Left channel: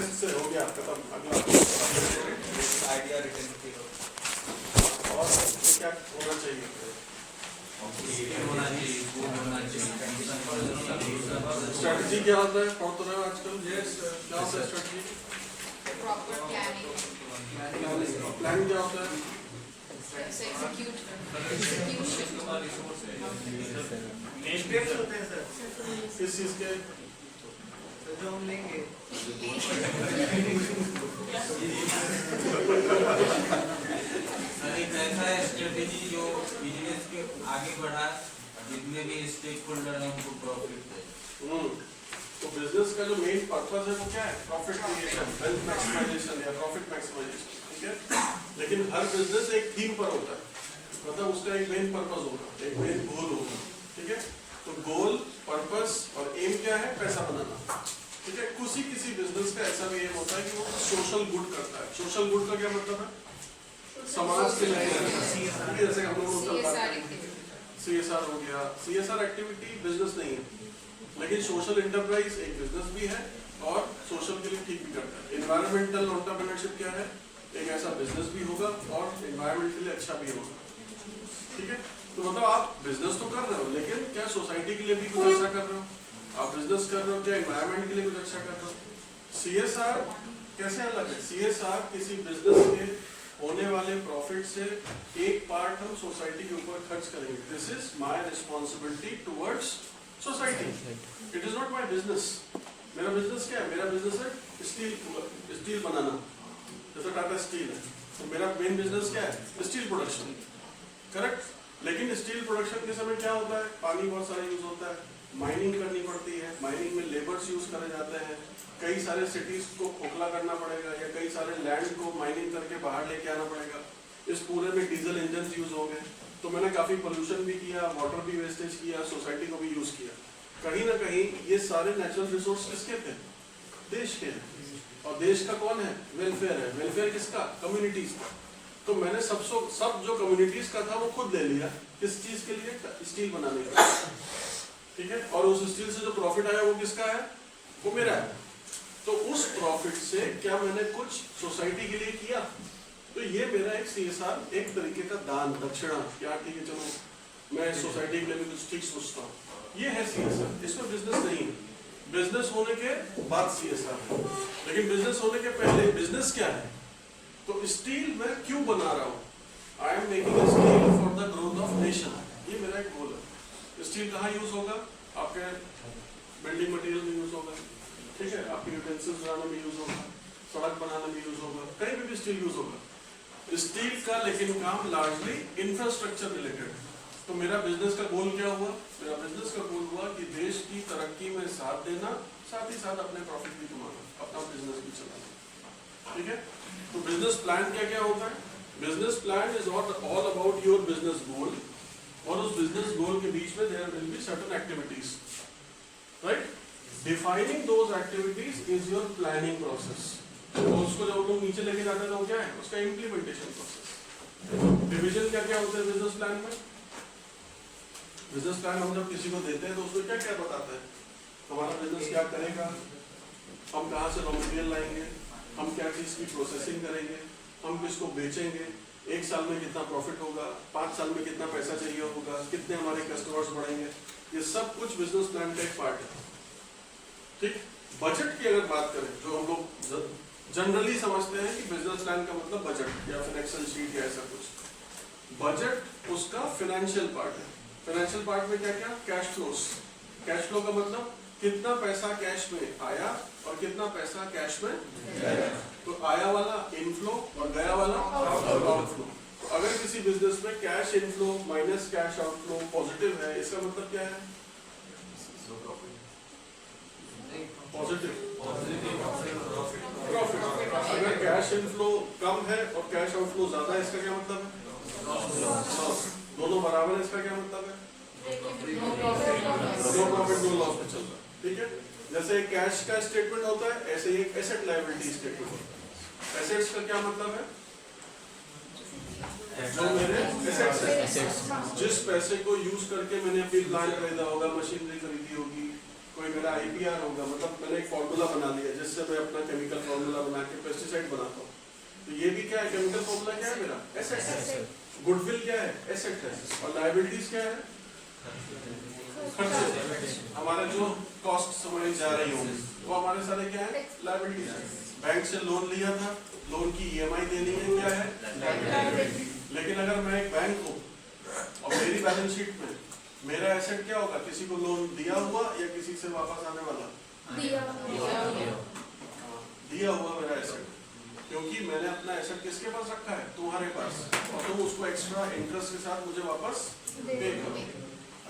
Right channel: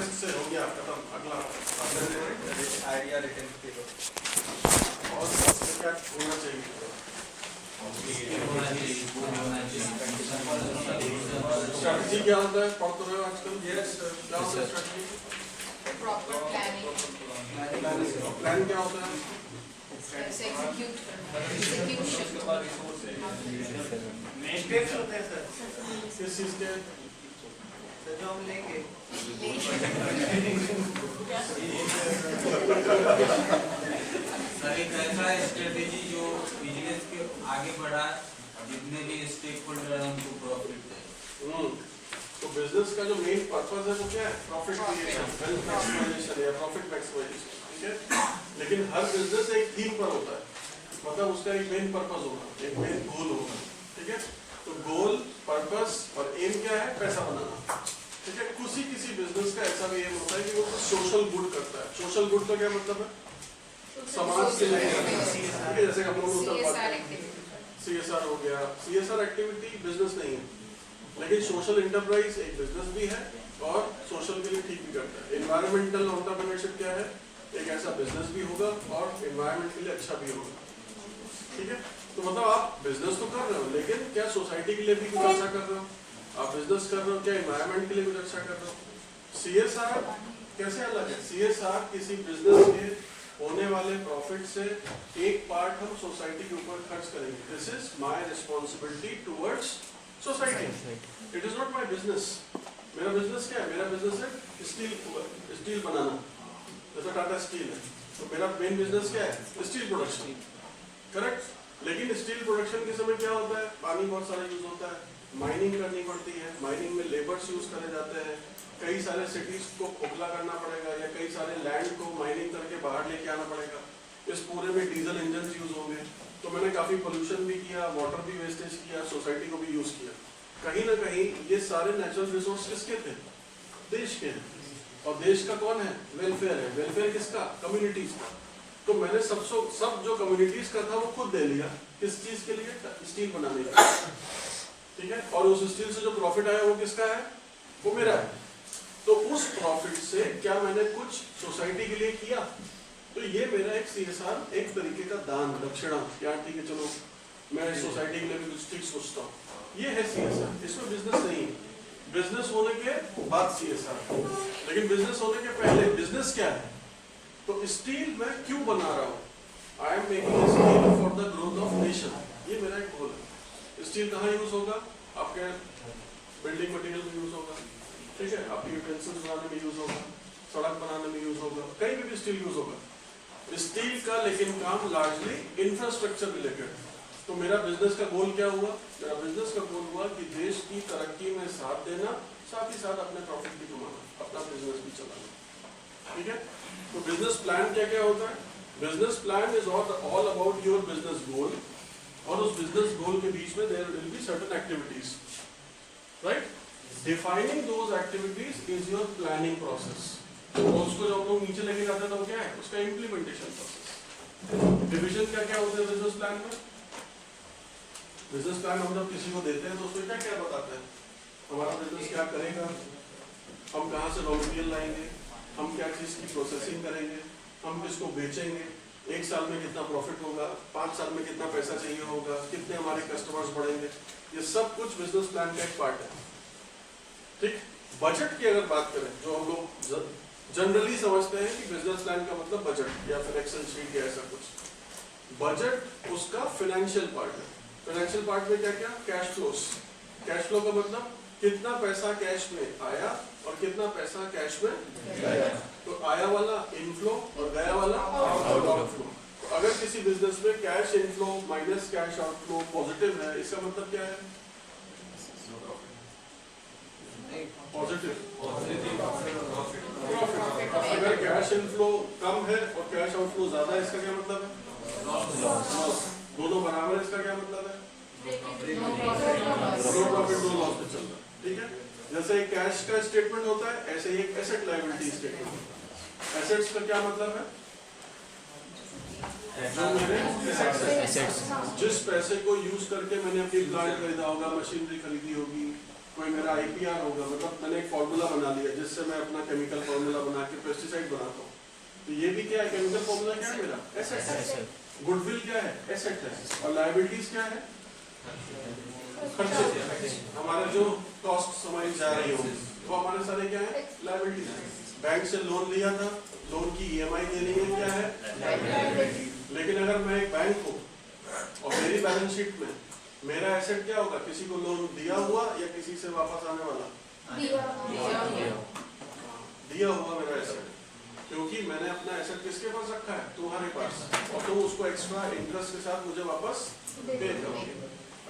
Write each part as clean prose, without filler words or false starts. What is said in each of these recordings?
Test से हो गया खत्म। अगला आइडिया रिटर्न की और क्या होना चाहिए? स्ट्रैटेजी क्या होता है? पढ़ तो रहे हो आजकल? क्या होता है स्ट्रैटेजी? प्रॉपर प्लानिंग, प्लान क्या होता है? नेक्स्ट स्टेप्स होते हैं सर। किस चीज के? सर जो हम लेंगे सर एक ऐसा स्ट्रेटेजी जो बिजनेस के आगे बढ़ा, जितने भी स्टेक होल्डर हैं उनको प्रॉफिट दे। तो बिजनेस का जो मेन पर्पस है वो क्या है? प्रॉफिट क्रिएशन, वेल्थ मैक्सिमाइजेशन या प्रॉफिट मैक्सिमाइजेशन, ठीक है। लेकिन हर बिजनेस एक थीम पर होता है, मतलब उसका एक मेन पर्पस होगा, एक मेन गोल होगा, ठीक है। तो गोल, पर्पस और एम क्या है? पैसा बनाना, ठीक है। किसी बिजनेस का ऐसा भी एम होता है कि वो सोशल गुड करता है। सोशल गुड का क्या मतलब है? समाज के लिए, जैसे हम लोग CSR हो गया। CSR एक्टिविटी बिजनेस नहीं है, लेकिन सोशल एंटरप्राइज एक बिजनेस भी है और सोशल के लिए ठीक भी करता है। एनवायरमेंटल एंटरप्रेन्योरशिप क्या है? एक ऐसा बिजनेस भी होगा और एनवायरमेंट के लिए अच्छा भी होगा, ठीक है। तो मतलब आप बिजनेस तो कर रहे हो, लेकिन क्या सोसाइटी के लिए भी कुछ अच्छा कर रहे हो? आप बिजनेस कर रहे हो, क्या एनवायरमेंट के लिए कुछ अच्छा कर रहे हो? CSR कैसे अलग है? CSR किसी बिजनेस के होने वाले प्रॉफिट से एक पार्ट हम सोसाइटी के ऊपर खर्च करेंगे। This is my responsibility towards society, it is not my business. मेरा बिजनेस क्या है? मेरा बिजनेस है स्टील बनाना, जैसे टाटा स्टील है, तो मेरा मेन बिजनेस क्या है? Steel production, correct. लेकिन स्टील प्रोडक्शन के समय क्या होता है? पानी बहुत सारा यूज होता है, माइनिंग करनी पड़ती है, माइनिंग में लेबर्स यूज करे जाते हैं, कई सारे सिटीज को खोखला करना पड़ेगा या कई सारे लैंड को माइनिंग करके बाहर लेके आना पड़ेगा। इस पूरे में डीजल इंजन यूज होंगे, तो मैंने काफी पोल्यूशन भी किया, वाटर भी वेस्टेज किया, सोसाइटी को भी यूज किया। कहीं ना कहीं ये सारे नेचुरल रिसोर्स किसके थे? देश के हैं। और देश का कौन है? वेलफेयर है। वेलफेयर किसका? कम्युनिटीज का। तो मैंने सब जो कम्युनिटीज का था वो खुद ले लिया। किस चीज के लिए? स्टील बनाने के लिए, ठीक है। और उस स्टील से जो प्रॉफिट आया वो किसका है? वो मेरा है। तो उस प्रॉफिट से क्या मैंने कुछ सोसाइटी के लिए किया? तो ये मेरा एक CSR, एक तरीके का दान, दक्षिणा, क्या ठीक है चलो मैं सोसाइटी के लिए भी कुछ ठीक सोचता हूँ, ये है CSR। इसमें बिजनेस नहीं है। बिजनेस होने के बाद CSR, लेकिन बिजनेस होने के पहले बिजनेस क्या है? तो स्टील मैं क्यों बना रहा हूँ? I am making steel for the growth of nation, ये मेरा एक गोल है। स्टील कहाँ यूज होगा? आपके बिल्डिंग मटेरियल में यूज होगा, ठीक है, आपके यूटेंसिल्स बनाने में यूज होगा, सड़क बनाने में यूज होगा, कहीं भी स्टील यूज होगा। स्टील का लेकिन काम लार्जली इंफ्रास्ट्रक्चर रिलेटेड। तो मेरा बिजनेस का गोल क्या हुआ? मेरा बिजनेस का गोल हुआ कि देश की तरक्की में साथ देना, साथ ही साथ अपने प्रॉफिट भी कमाना, अपना बिजनेस भी चलाना, ठीक है। तो बिजनेस प्लान क्या क्या होता है? Business plan is all about your business goal, और उस बिजनेस गोल के बीच में there will be certain activities, right. Defining those activities is your planning process. तो उसको जब लोग नीचे लेके जाते हैं तो क्या है? उसका इम्प्लीमेंटेशन प्रोसेस। डिविजन क्या क्या होते हैं बिजनेस प्लान में? बिजनेस प्लान हम जब किसी को देते हैं तो उसमें क्या क्या बताते हैं? हमारा बिजनेस क्या करेगा, हम कहाँ से रॉ मटेरियल लाएंगे, हम क्या चीज की प्रोसेसिंग करेंगे, हम किसको बेचेंगे, 1 साल में कितना प्रॉफिट होगा, 5 साल में कितना पैसा चाहिए होगा, कितने हमारे कस्टमर्स बढ़ेंगे, ये सब कुछ बिजनेस प्लान का एक पार्ट है, ठीक। बजट की अगर बात करें, जो हम लोग जनरली समझते हैं कि बिजनेस प्लान का मतलब बजट या फिर एक्सेल शीट या ऐसा कुछ, बजट उसका फाइनेंशियल पार्ट है। फाइनेंशियल पार्ट में क्या क्या? Cash flows. कैश फ्लो का मतलब कितना पैसा कैश में आया और कितना पैसा कैश में गया। तो आया वाला इनफ्लो और गया वाला आउटफ्लो। तो अगर किसी बिजनेस में cash inflow minus cash outflow positive है, इसका मतलब क्या है? Positive profit. अगर कैश इनफ्लो कम है और कैश आउटफ्लो ज्यादा है, इसका क्या मतलब है? लॉस। दोनों बराबर है, इसका क्या मतलब है? नो प्रॉफिट नो लॉस पे चल रहा है, ठीक है। जैसे कैश का स्टेटमेंट होता है, ऐसे ही एक एसेट लायबिलिटी स्टेटमेंट होता है। एसेट्स का क्या मतलब है? जो मेरे एसेट्स है, जिस पैसे को यूज करके मैंने अपनी प्लांट खरीदा होगा, मशीनरी खरीदी होगी, कोई मेरा IPR होगा, मतलब मैंने एक फॉर्मूला बना लिया जिससे मैं अपना केमिकल फॉर्मूला बना के पेस्टिसाइड बनाता हूँ, तो ये भी क्या है, केमिकल फॉर्मूला क्या है मेरा, एसेट है। गुडविल क्या है, एसेट है। और लायबिलिटीज क्या है, खर्चे, हमारे जो कॉस्ट हमारी जा रही होंगी वो हमारे सारे क्या है, लायबिलिटीज है। बैंक से लोन लिया था, लोन की EMI देनी है, क्या है, लेकिन अगर मैं एक बैंक हूँ और मेरी बैलेंस शीट में मेरा एसेट क्या होगा, किसी को लोन दिया हुआ या किसी से वापस आने वाला, दिया हुआ मेरा एसेट, क्योंकि मैंने अपना एसेट किसके पास रखा है, तुम्हारे पास, और तुम उसको एक्स्ट्रा इंटरेस्ट के साथ मुझे वापस पे करोगे।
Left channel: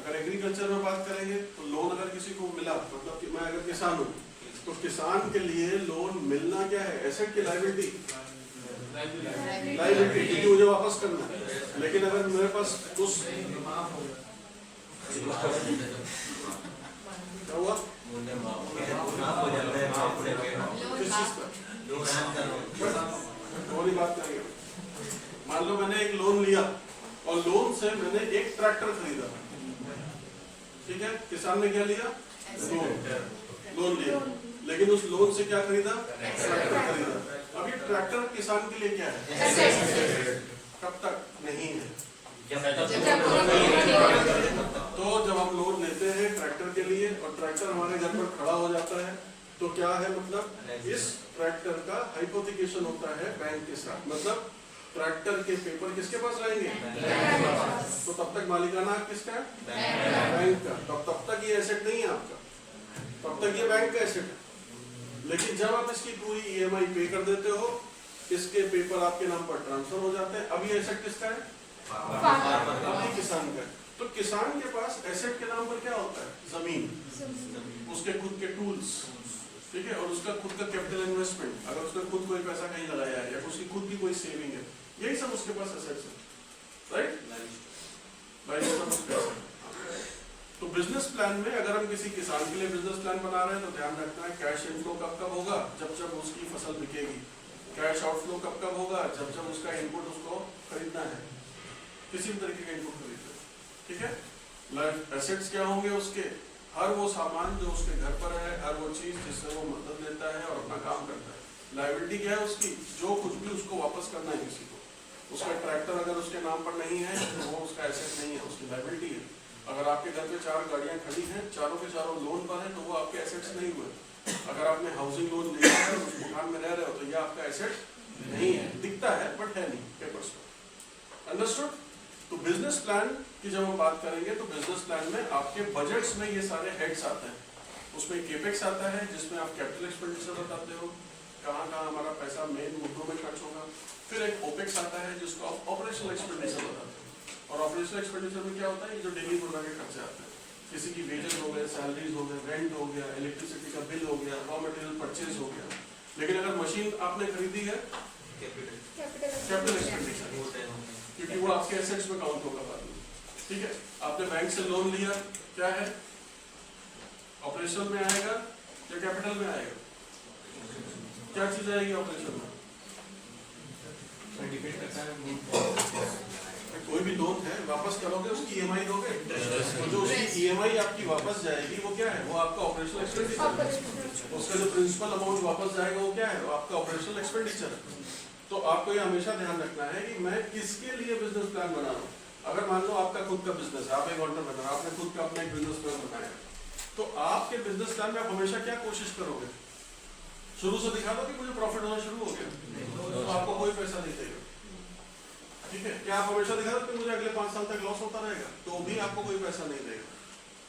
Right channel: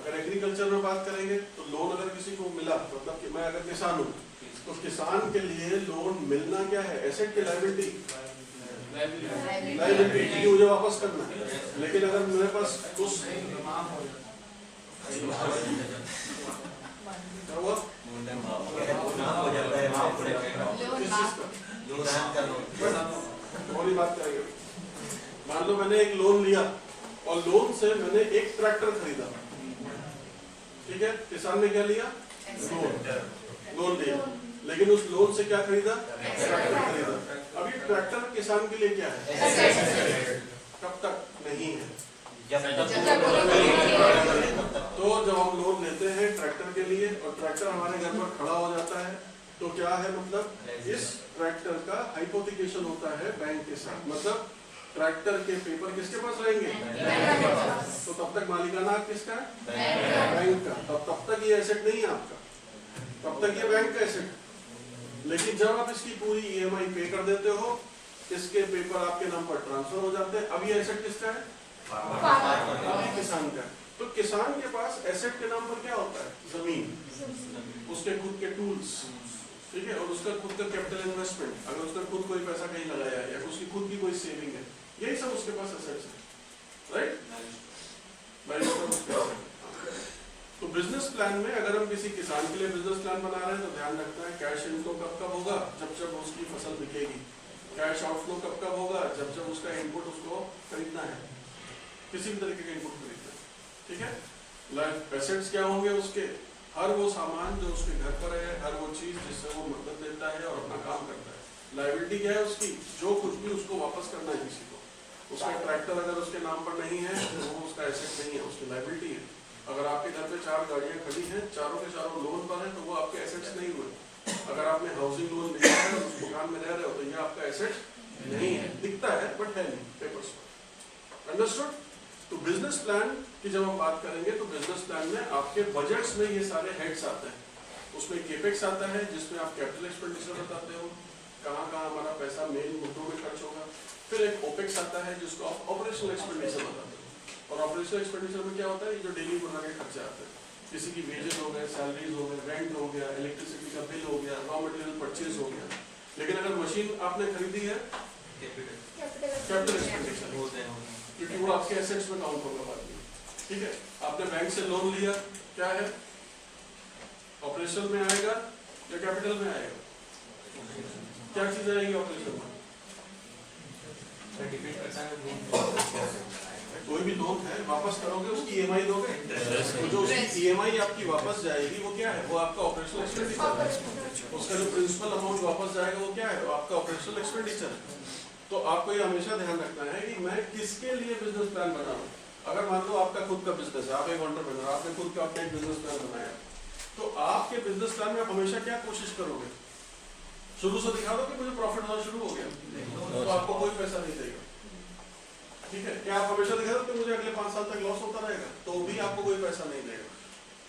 अगर एग्रीकल्चर में बात करेंगे तो लोन अगर किसी को मिला, मतलब कि मैं अगर किसान हूँ तो किसान के लिए लोन मिलना क्या है, एसेट की लायबिलिटी, लायबिलिटी मुझे वापस करना है। लेकिन अगर मेरे पास उस वही बात करेंगे, मान लो मैंने एक लोन लिया और लोन से मैंने एक ट्रैक्टर खरीदा, ठीक है, किसान ने क्या लिया, लोन लिया, लेकिन उस लोन से क्या खरीदा, ट्रैक्टर खरीदा। अब ये ट्रैक्टर किसान के लिए क्या है, कब तक नहीं है, तो जब हम लोन लेते हैं ट्रैक्टर के लिए और ट्रैक्टर हमारे घर पर खड़ा हो जाता है तो क्या है, मतलब इस ट्रैक्टर का हाइपोथिकेशन होता है बैंक के साथ, मतलब ट्रैक्टर के पेपर किसके पास रहेंगे, तो तब तक मालिकाना हक किसका है, बैंक का, तब तक ये एसेट नहीं है आपका, तब तक ये बैंक का एसेट। लेकिन जब आप इसकी पूरी EMI पे कर देते हो, इसके पेपर आपके नाम पर ट्रांसफर हो जाते हैं, अब ये एसेट किसका है, किसान का। तो किसान के पास एसेट के नाम पर क्या होता है, जमीन, उसके खुद के टूल्स, ठीक है, और उसका खुद का कैपिटल इन्वेस्टमेंट, अगर उसने खुद कोई पैसा कहीं लगाया है या उसकी खुद की कोई सेविंग है, यही सब उसके पास एसेट्स है, राइट। तो बिजनेस प्लान में अगर हम किसी किसान के लिए बिजनेस प्लान बना रहे हैं तो ध्यान रखना है कैश इनफ्लो कब कब होगा, जब जब उसकी फसल बिकेगी, कैश आउटफ्लो कब कब होगा, जब जब उसका इनपुट उसको खरीदना है, किसी भी तरीके का इनपुट खरीदना है, ठीक है। एसेट्स क्या होंगे उसके, हर वो सामान जो उसके घर पर है, हर वो चीज जिससे वो मदद लेता है और अपना काम करता है। लायबिलिटी क्या है उसकी, जो कुछ भी उसको वापस करना है किसी को, उसका ट्रैक्टर अगर उसके नाम पर नहीं है तो वो उसका एसेट नहीं है, उसकी लायबिलिटी है। अगर आपके घर पे 4 गाड़ियां खड़ी हैं, चारों के चारों लोन पर है, तो वो आपके एसेट्स नहीं हुए। अगर आपने हाउसिंग लोन लिया है और उस मकान में रह रहे हो तो ये आपका एसेट नहीं है, दिखता है बट है नहीं पेपर्स पर। अंडरस्टूड। तो बिजनेस प्लान की जब हम बात करेंगे तो बिजनेस प्लान में आपके बजट्स में ये सारे हेड्स आते हैं। उसमें केपेक्स आता है जिसमें आप कैपिटल एक्सपेंडिचर बताते हो, कहाँ कहाँ हमारा पैसा मेन मुद्दों में खर्च होगा। फिर एक ओपेक्स आता है जिसको आप ऑपरेशनल एक्सपेंडिचर बताते हो, और ऑपरेशनल एक्सपेंडिचर में क्या होता है, ये जो डेली रोजमर्रा के खर्चे आते हैं, किसी की वेजेस हो गए, सैलरीज हो गए, रेंट हो गया, इलेक्ट्रिसिटी का बिल हो गया, रॉ मटेरियल परचेज हो गया। लेकिन अगर मशीन आपने खरीदी है, कैपिटल एक्सपेंडिचर होते हैं क्योंकि वो आपके एसेट्स में काउंट होगा बाद में, ठीक है। आपने बैंक से लोन लिया, क्या है, ऑपरेशन में आएगा या कैपिटल में आएगा, क्या चीज आएगी ऑपरेशन में, कोई भी लोन है वापस करोगे उसकी EMI दोगे, तो जो उसकी EMI आपकी वापस जाएगी वो क्या है, वो आपका ऑपरेशनल एक्सपेंडिचर। उसका जो प्रिंसिपल अमाउंट वापस जाएगा वो क्या है, वो आपका ऑपरेशनल एक्सपेंडिचर। तो आपको ये हमेशा ध्यान रखना है कि मैं किसके लिए बिजनेस प्लान बना रहा हूँ। अगर मान लो आपका खुद का बिजनेस है, आप एक एंटरप्रेन्योर, आपने खुद का अपना एक बिजनेस प्लान बनाया, तो आपके बिजनेस प्लान में आप हमेशा क्या कोशिश करोगे, शुरू से दिखा दो कि मुझे प्रॉफिट होना शुरू हो गया तो आपको कोई पैसा नहीं देगा, ठीक है। क्या आप हमेशा दिखा सकते मुझे अगले 5 साल तक लॉस होता रहेगा, तो भी आपको कोई पैसा नहीं देगा।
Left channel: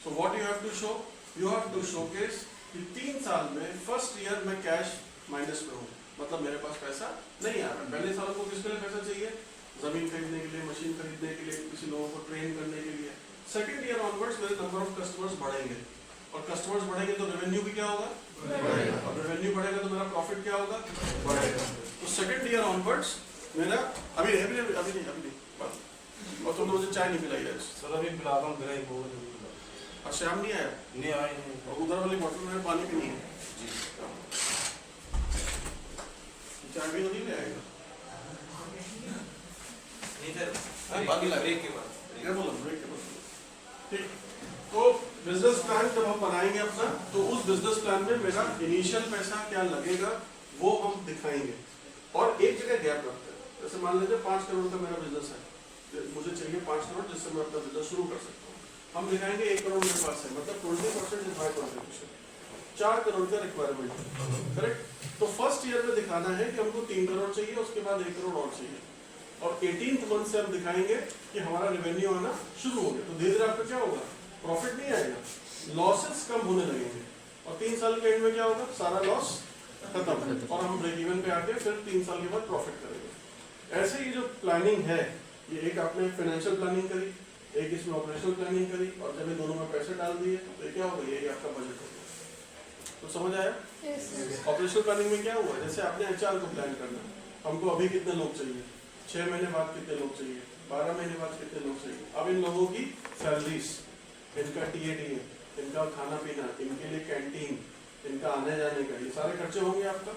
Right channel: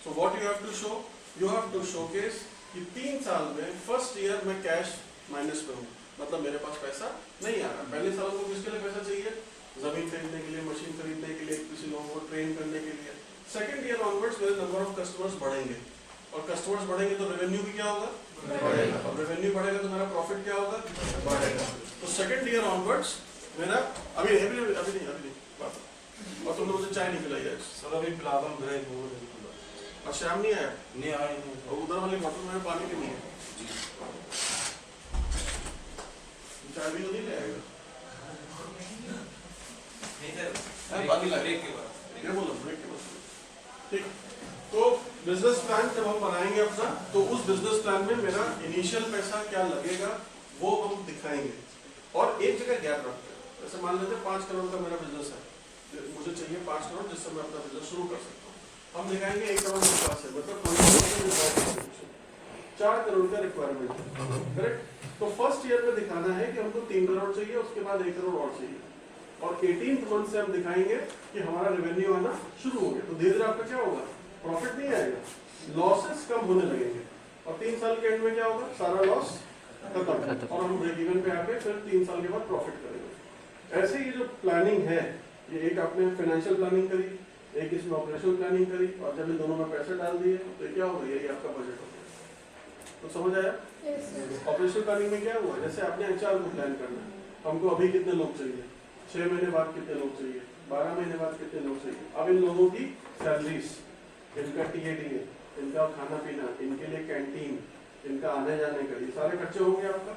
So what you have to show, you have to showcase कि 3 साल में फर्स्ट ईयर में कैश माइनस पे हूँ, मतलब मेरे पास पैसा नहीं आ रहा। पहले साल को किसके लिए पैसा चाहिए, जमीन खरीदने के लिए, मशीन खरीदने के लिए, किसी लोगों को ट्रेन करने के लिए। सेकंड ईयर ऑनवर्ड्स मेरे नंबर ऑफ कस्टमर्स बढ़ेंगे, और कस्टमर्स बढ़ेंगे तो रेवेन्यू भी क्या होगा, बढ़ेगा। अब रेवेन्यू बढ़ेगा तो मेरा प्रॉफिट क्या होगा, बढ़ेगा। तो सेकंड ईयर ऑनवर्ड्स मेरा अभी नहीं और तुम मुझे चाय नहीं पिलाई है सर, अभी पिला रहा हूँ, मेरा ही बोल रही हूँ। और शाम नहीं आया, नहीं आया, और उधर वाली बोतल में पानी भी नहीं है, चाय भी नहीं ले आएगा। ब्रेक के बाद ठीक, तो बिजनेस प्लान जब हम बनाएंगे अपना, तो उस बिजनेस प्लान में मेरा इनिशियल पैसा क्या लगेगा वो हम दिखाएंगे, और एक जगह गैप रखते हैं। जैसे मान लेते हैं 5 करोड़ का मेरा बिजनेस है, मुझे चाहिए 5 करोड़ जिससे मैं अपना बिजनेस शुरू कर सकता हूँ। हम दिखाएंगे 1 करोड़ मेरे पास है, मतलब 20% 4 करोड़ का रिक्वायरमेंट, करेक्ट। तो फर्स्ट ईयर में दिखाना है कि हमको 3 करोड़ चाहिए, उसके बाद 1 करोड़ और चाहिए, और 18th मंथ से हम दिखाएंगे कि हमारा रेवेन्यू आना शुरू हो गया। तो धीरे धीरे आपका क्या होगा, प्रॉफिट नहीं आएगा, लॉसेस कम होने लगेंगे, और 3 साल के एंड में क्या होगा, सारा लॉस खत्म, और हम ब्रेक इवन पे आके फिर 3 साल के बाद प्रॉफिट करेंगे। ऐसे ये जो प्लानिंग है, ये एक आपने फाइनेंशियल प्लानिंग करी, एक इसमें ऑपरेशनल प्लानिंग करी, और जब इन दोनों में पैसे डाल दिए तो क्या होगा, ये आपका बजट हो गया। तो समझ आया? ऑपरेशनल प्लानिंग में क्या हुआ, जैसे आपने एचआर को प्लान करना, हमको अभी कितने लोग चाहिए, 6 महीने बाद कितने लोग चाहिए, 12 महीने बाद कितने लोग चाहिए। अब इन लोगों की सैलरीज, इनका टीए, इनका खाना पीना, इनके लिए कैंटीन, इनका आने जाने का, ये सारे खर्चे होंगे आपका।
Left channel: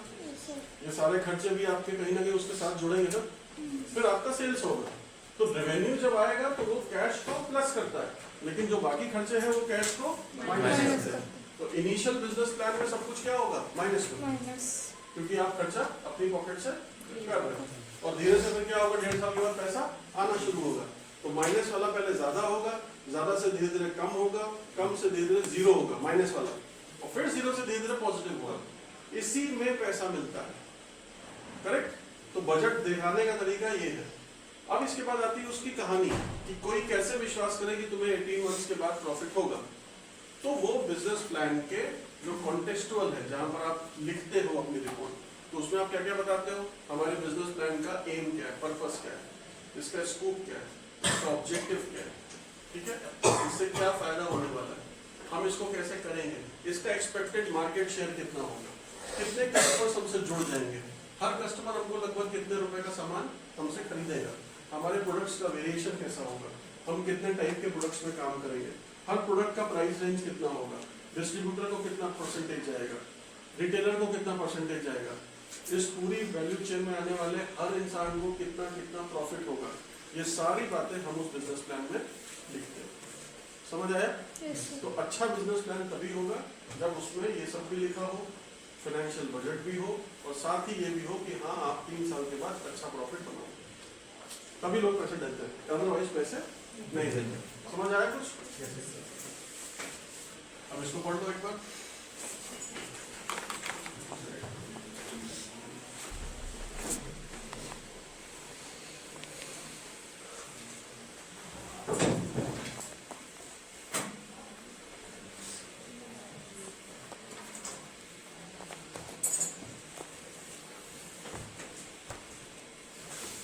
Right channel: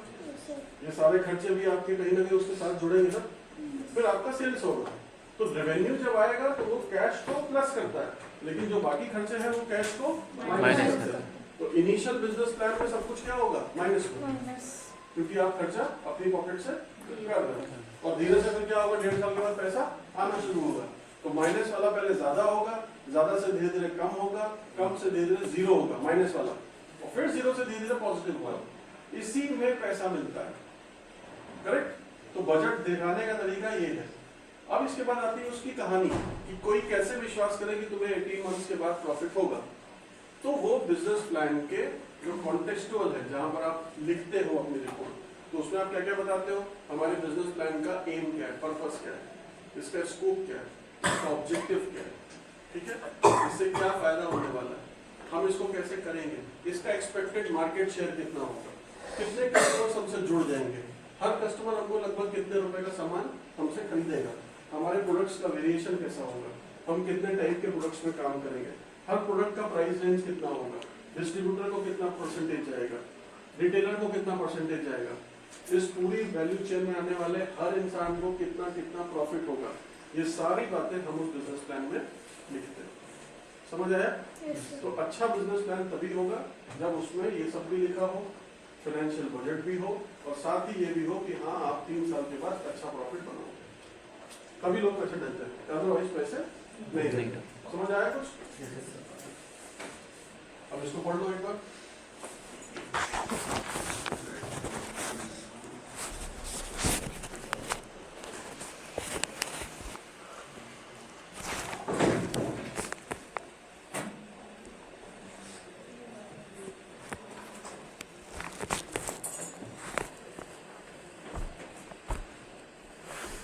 ये सारे खर्चे भी आपके कहीं ना कहीं उसके साथ जुड़ेंगे ना, फिर आपका सेल्स होगा। तो रेवेन्यू जब आएगा तो वो कैश को प्लस करता है, लेकिन जो बाकी खर्चे हैं वो कैश को माइनस करते हैं। तो इनिशियल बिजनेस प्लान में सब कुछ क्या होगा, माइनस होगा, क्योंकि आप खर्चा अपनी पॉकेट से कर रहे हो, और धीरे से फिर क्या होगा, 1.5 साल के बाद पैसा आना शुरू होगा। तो माइनस वाला पहले ज्यादा होगा, ज्यादा से धीरे धीरे कम होगा, कम से धीरे धीरे जीरो होगा माइनस वाला, और फिर जीरो से धीरे धीरे पॉजिटिव होगा। इसी में पैसा मिलता है, करेक्ट। तो बजट दिखाने का तरीका ये है। अब इसके बाद आती है उसकी कहानी कि कोई कैसे विश्वास करे कि तुम्हें 18 मंथ्स के बाद प्रॉफिट होगा। तो वो बिजनेस प्लान के जो कॉन्टेक्सुअल है, जहां पर आप लिखते हो अपनी रिपोर्ट, तो उसमें आप क्या क्या बताते हो, हमारे बिजनेस प्लान का एम क्या है, पर्पस क्या है, इसका स्कोप क्या है, इसका ऑब्जेक्टिव क्या है, ठीक है, इससे क्या फायदा होने वाला है, हम इसको कैसे करेंगे, इसका एक्सपेक्टेड मार्केट शेयर कितना होगा, कितने कस्टमर्स हमसे जुड़ जाएंगे, हर कस्टमर हमको लगभग कितने रुपए का सामान हमसे खरीदेगा, हमारे प्रोडक्ट्स का वेरिएशन कैसा होगा, हम कितने टाइप के प्रोडक्ट्स में काम करेंगे, हर प्रोडक्ट का प्राइस रेंज कितना होगा, डिस्ट्रीब्यूटर को कितना परसेंटेज जाएगा, रिटेलर को कितना परसेंटेज जाएगा, इस पूरी वैल्यू चेन में आने वाले हर इंसान को कितना कितना प्रॉफिट होगा। ये सारी बातें हम उस बिजनेस प्लान में लिखते हैं। समझ आया? तो अच्छा बिजनेस प्लान तभी होगा जब उसमें ये सब भी लिखा हो, फाइनेंशियल बजट भी हो, और साथ ही ये भी हो कि हाँ आप 3 साल के बाद अच्छा प्रॉफिट बनाओगे, तभी लोग पैसे डालते हैं, अदरवाइज पैसे नहीं देंगे। समझ आया कुछ? अब इसको पढ़ लो एक बार।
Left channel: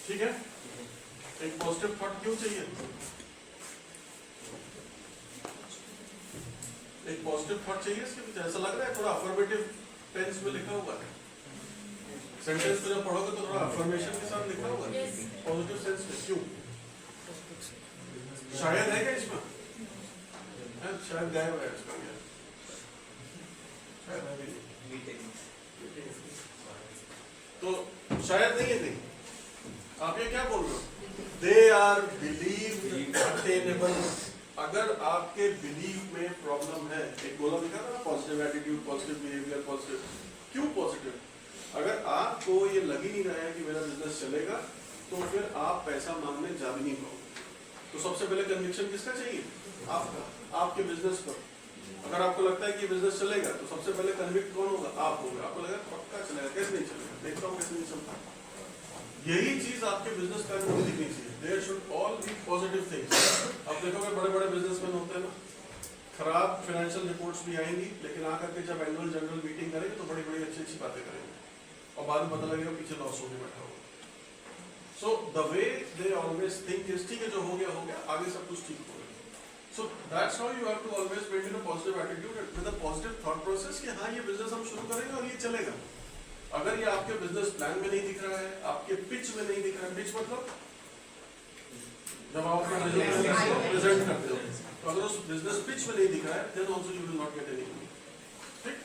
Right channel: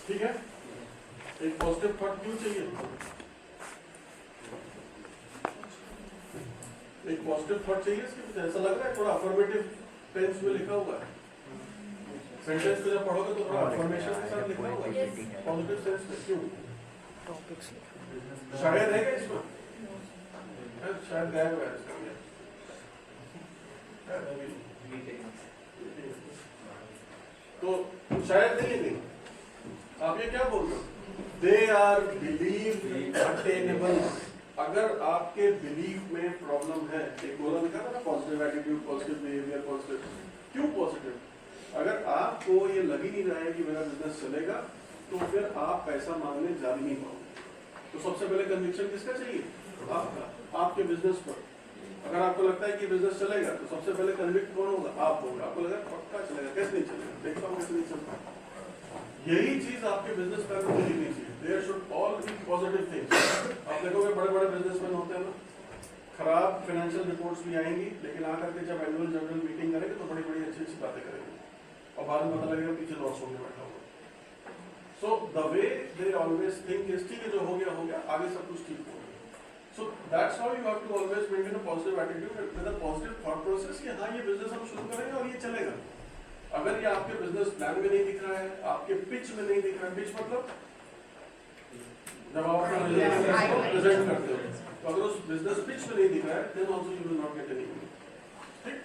ठीक है, एक पॉजिटिव थॉट क्यों चाहिए? एक पॉजिटिव थॉट चाहिए इसके पीछे। ऐसा लग रहा है थोड़ा अफर्मेटिव टेंस में लिखा हुआ है, सेंटेंस को जब पढ़ोगे तो थोड़ा अफर्मेशन के साथ लिखा हुआ है, पॉजिटिव सेंस में। क्यों? शायद है क्या इसमें? शायद गायब है इसका, शायद अभी तो शायद नहीं है। नहीं, आप ये क्या बोल रहे हो? They are believe attainable. अगर आपके बिलीफ में प्रॉब्लम है, एक बोला लिखा था positive attitude, positive behaviour, positive. क्यों पॉजिटिव? अगर आपको ये लग ही नहीं रहा है कि मेरा बिजनेस चलेगा, तो फिर आप पैसा मांगने जा भी नहीं पाओगे। तो सबसे पहले कन्विक्शन किसका चाहिए? आपका, आपके बिजनेस पर। अगर आपको लगता है कि बिजनेस चलेगा, तो सबसे पहले कन्विक्ट कौन होगा? आप होगा। आपको लगेगा पक्का चलेगा, कैसे नहीं चलेगा, देखता हूँ कैसे नहीं चलता। यही चीज आपके बिजनेस प्लान में लिखनी चाहिए। There should all be positive things. आप देखोगे बड़े बड़े बिजनेसमैन होते हैं ना, खराब फाइनेंशियल रिपोर्ट्स भी आएंगी, लेकिन आकर के जब एनुअल जनरल मीटिंग करेंगे तो बड़ी बड़ी अच्छी अच्छी बातें करेंगे, और बाद में पता लगेगा पीछे लॉस होकर बैठा होगा। So the way they always think is, ठीक है जो हो गया, आगे सब कुछ ठीक होगा। So that's how you have to always maintain a positive attitude with a positive thought process कि हाँ ये बिजनेस हम शुरू करेंगे और ये चलेगा। अगर ये आपके बिजनेस प्लान में नहीं दिख रहा है, आपके पिच में नहीं दिख रहा है, पिच मतलब जब आप अपना बिजनेस प्रेजेंट करते हो, तो अगर उस बिजनेस पिच में नहीं दिख रहा है, then also you will not get anything। ठीक?